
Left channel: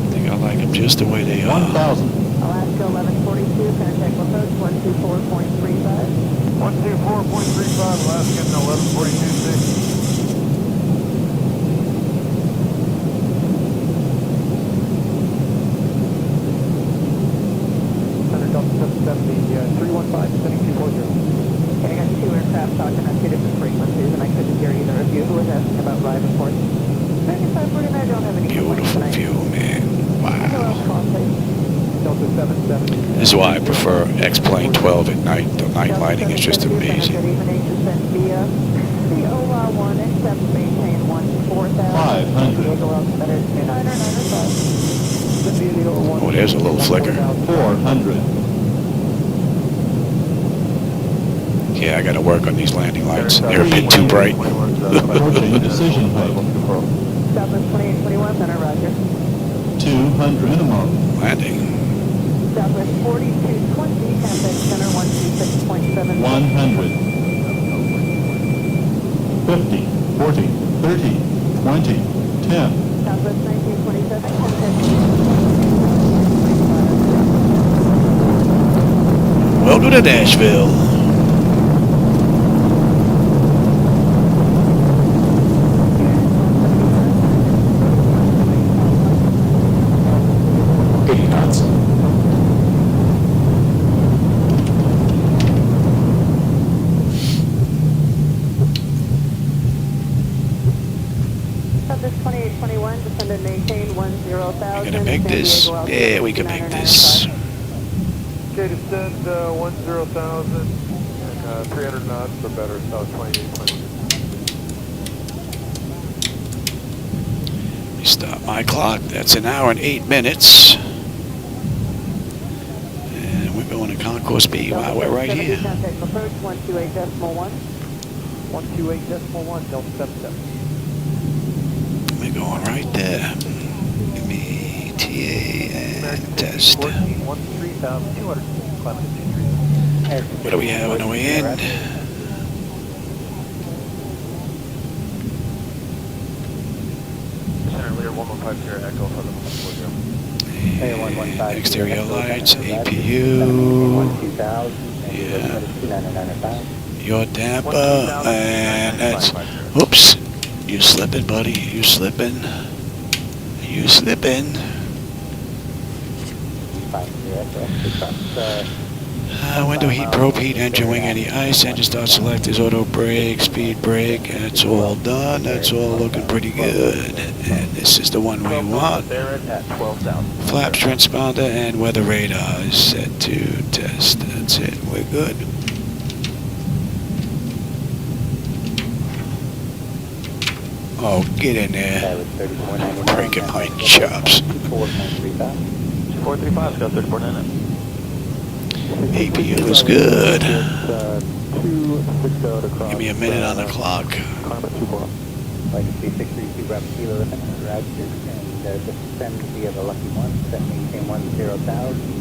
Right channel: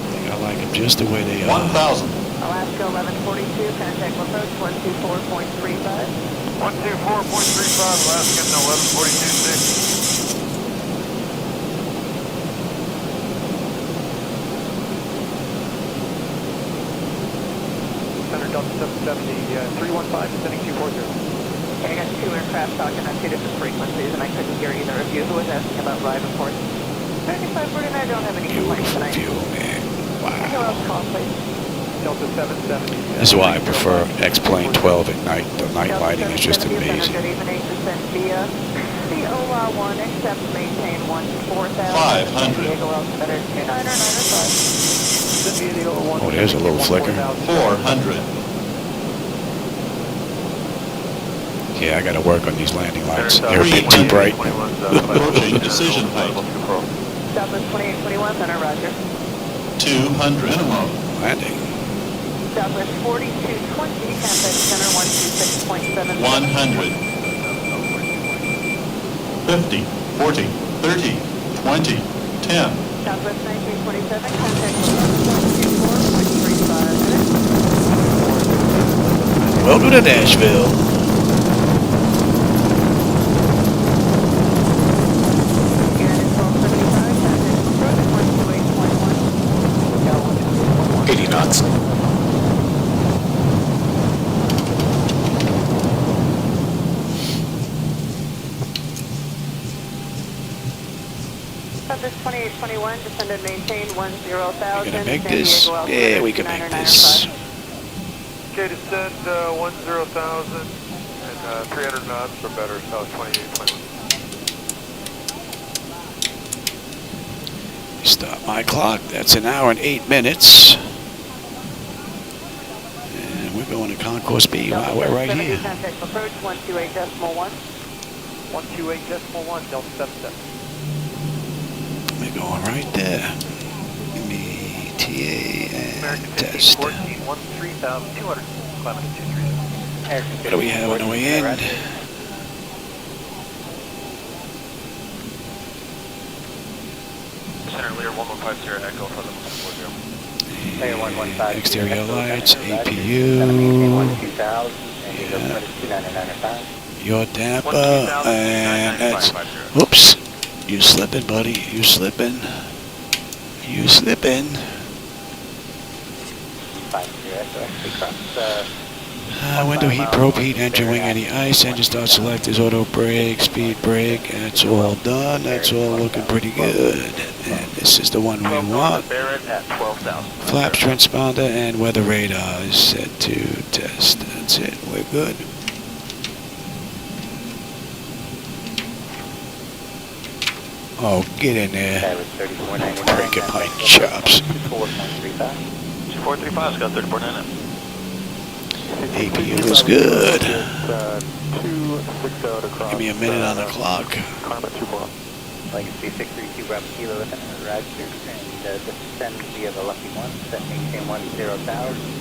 think I like them just the way they are. 1,000. Alaska 1142, contact for approach 124.35. 124.35, Alaska 1142.6. Okay, I got two aircraft talking on two different frequencies, and I couldn't hear either of you. Who was asking about ride reports? 3549, I don't have any. Beautiful view, man. Wow. Delta 770. This is why I prefer X-Plane 12 at night. The night lighting is just amazing. Oh, there's a little flicker. 400. Yeah, I gotta work on these landing lights. They're a bit too bright. Approaching decision height. Southwest 2821, center, roger. 200. Minimum. Landing. Southwest 4220, contact center 126.7. 100. 50, 40, 30, 20, 10. Southwest 9327, contact Welcome to Nashville. We're gonna make this. Yeah, we can make this. Okay, descend 10,000 and 300 knots for better, south 2820. Let me stop my clock. That's an hour and 8 minutes. And we're going to Concourse B. Wow, we're right here. Approach 128.1. 128.1, Delta 77. We're going right there. Give me TA and test. What do we have on the way in? And exterior lights, APU. Yeah. Your damper, and that's. Oops. You slipping, buddy. You slipping. You slipping. Window heat, probe heat, engine wing, any ice, engine start selectors, auto brake, speed brake. That's all done. That's all looking pretty good. And this is the one we want. Flaps, transponder, and weather radar is set to test. That's it. We're good. Oh, get in there. Breaking my chops. 435's got 34.9. APU is good. Give me a minute on the clock. Legacy 632 Bravo Kilo, Roger, and descend via the Lucky One, set maintain 10,000,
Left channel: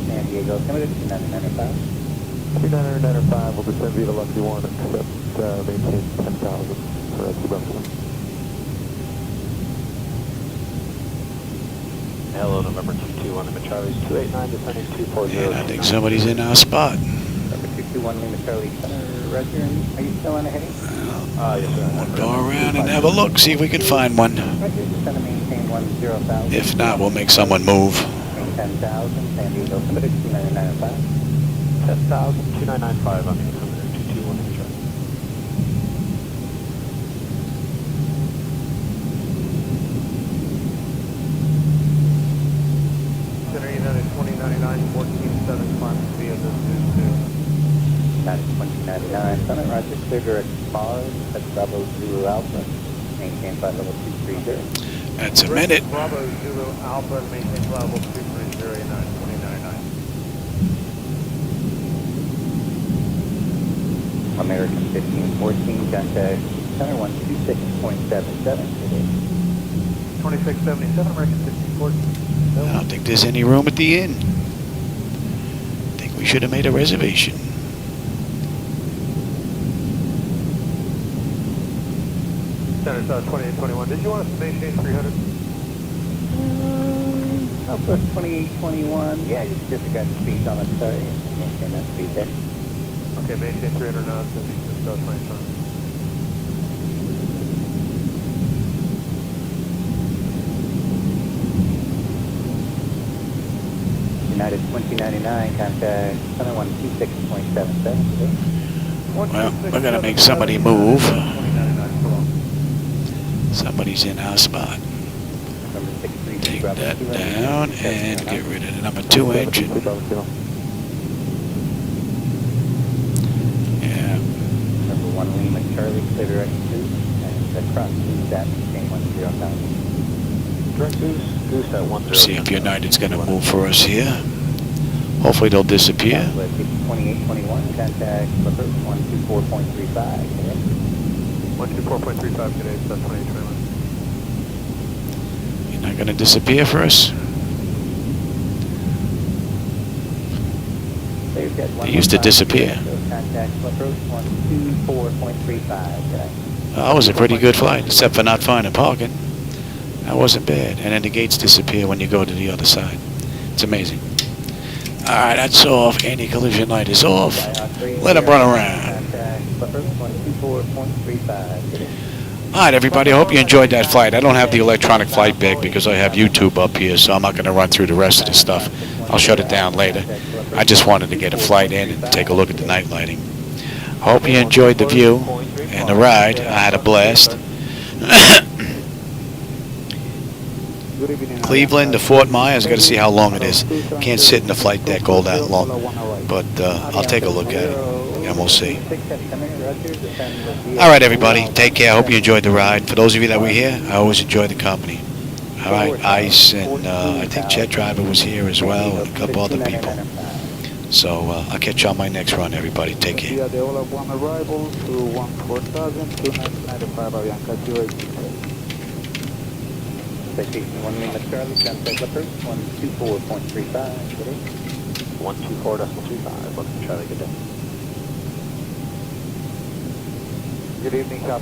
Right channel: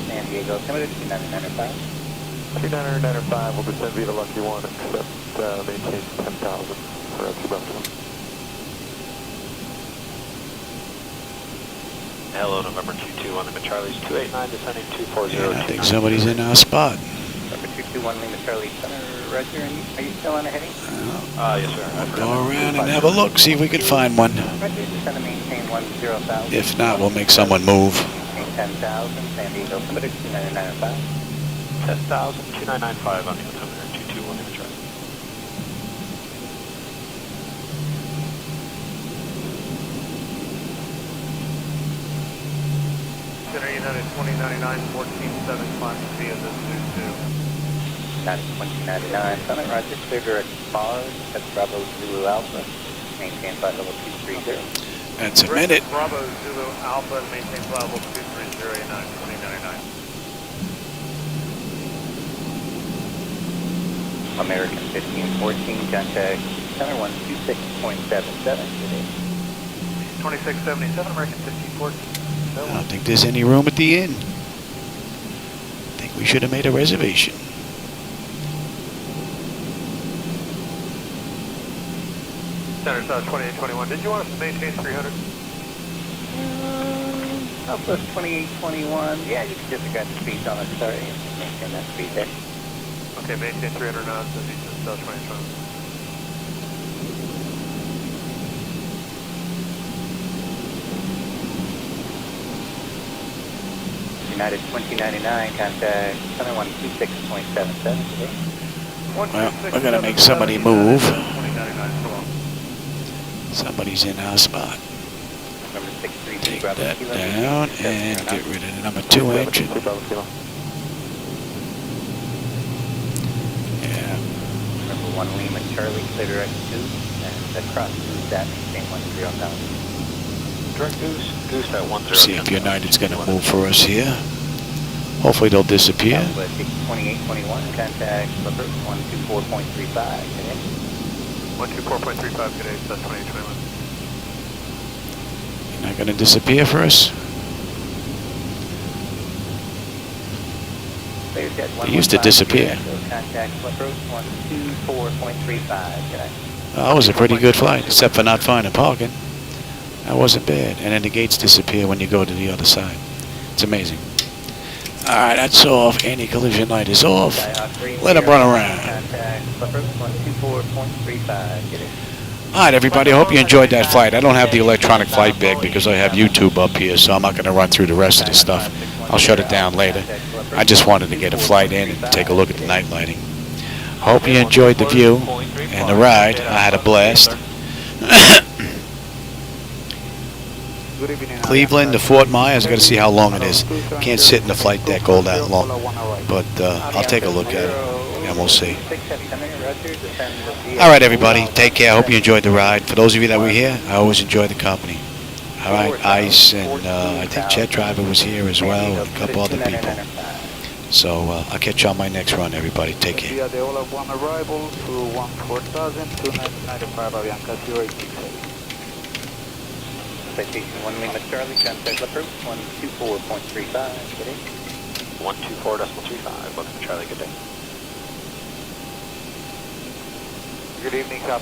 San Diego, Limited, 2995. 2995 will descend via the Lucky One, except maintain 10,000 for Bravo 1. Hello, November 22 on the Charlie's 289, descending 240. And I think somebody's in our spot. Number 221, Lima Charlie Center, Roger, are you still on the heading? Yes, sir. We'll go around and have a look, see if we can find one. Roger, descend to maintain 10,000. If not, we'll make someone move. 10,000, San Diego, Limited, 2995. 10,000, 2995 on the 221 Lima Charlie. United 2099, 1475 via the 2099, Summit, Roger, figure at Mars, that's Bravo Zulu Alpha, maintain flight level 230. That's a minute. Bravo Zulu Alpha, maintain flight level 230, 2099. American 1514, contact center 126.77 today. 2677, American 1514. I don't think there's any room at the inn. I think we should have made a reservation. Center South 2821. Did you want us to maintain 300? Southwest 2821, yeah, you can disregard the speed on it, sorry. Maintain that speed there. Okay, maintain 300 knots and Eastern South 2020. United 2099, contact center 126.77 today. Well, we're going to make somebody move. Somebody's in our spot. Take that down and get rid of the number 2 engine. Yeah. Number 1 Lima Charlie, clear direct 2, and across that, maintain 10,000. Direct goose at 130. See if United's going to move for us here. Hopefully they'll disappear. 2821, contact approach 124.35 today. 124.35 today, South 2021. You're not going to disappear for us? They used to disappear. Contact approach 124.35 today. That was a pretty good flight, except for not finding parking. That wasn't bad. And then the gates disappear when you go to the other side. It's amazing. All right, that's off. Anti-collision light is off. Let them run around. All right, everybody. I hope you enjoyed that flight. I don't have the electronic flight bag because I have YouTube up here, so I'm not going to run through the rest of the stuff. I'll shut it down later. I just wanted to get a flight in and take a look at the night lighting. Hope you enjoyed the view and the ride. I had a blast. Cleveland to Fort Myers. Got to see how long it is. Can't sit in the flight deck all that long, but I'll take a look at it and we'll see. All right, everybody. Take care. I hope you enjoyed the ride. For those of you that were here, I always enjoy the company. All right, Ice and I think Jet Driver was here as well, and a couple other people. So I'll catch you on my next run, everybody. Take care. We are the all of one arrival to 14,000, 2995 Avianca 08. Citation 1 Lima Charlie, translate approved, 124.35, good day. 124.35, welcome Charlie, good day. Good evening, South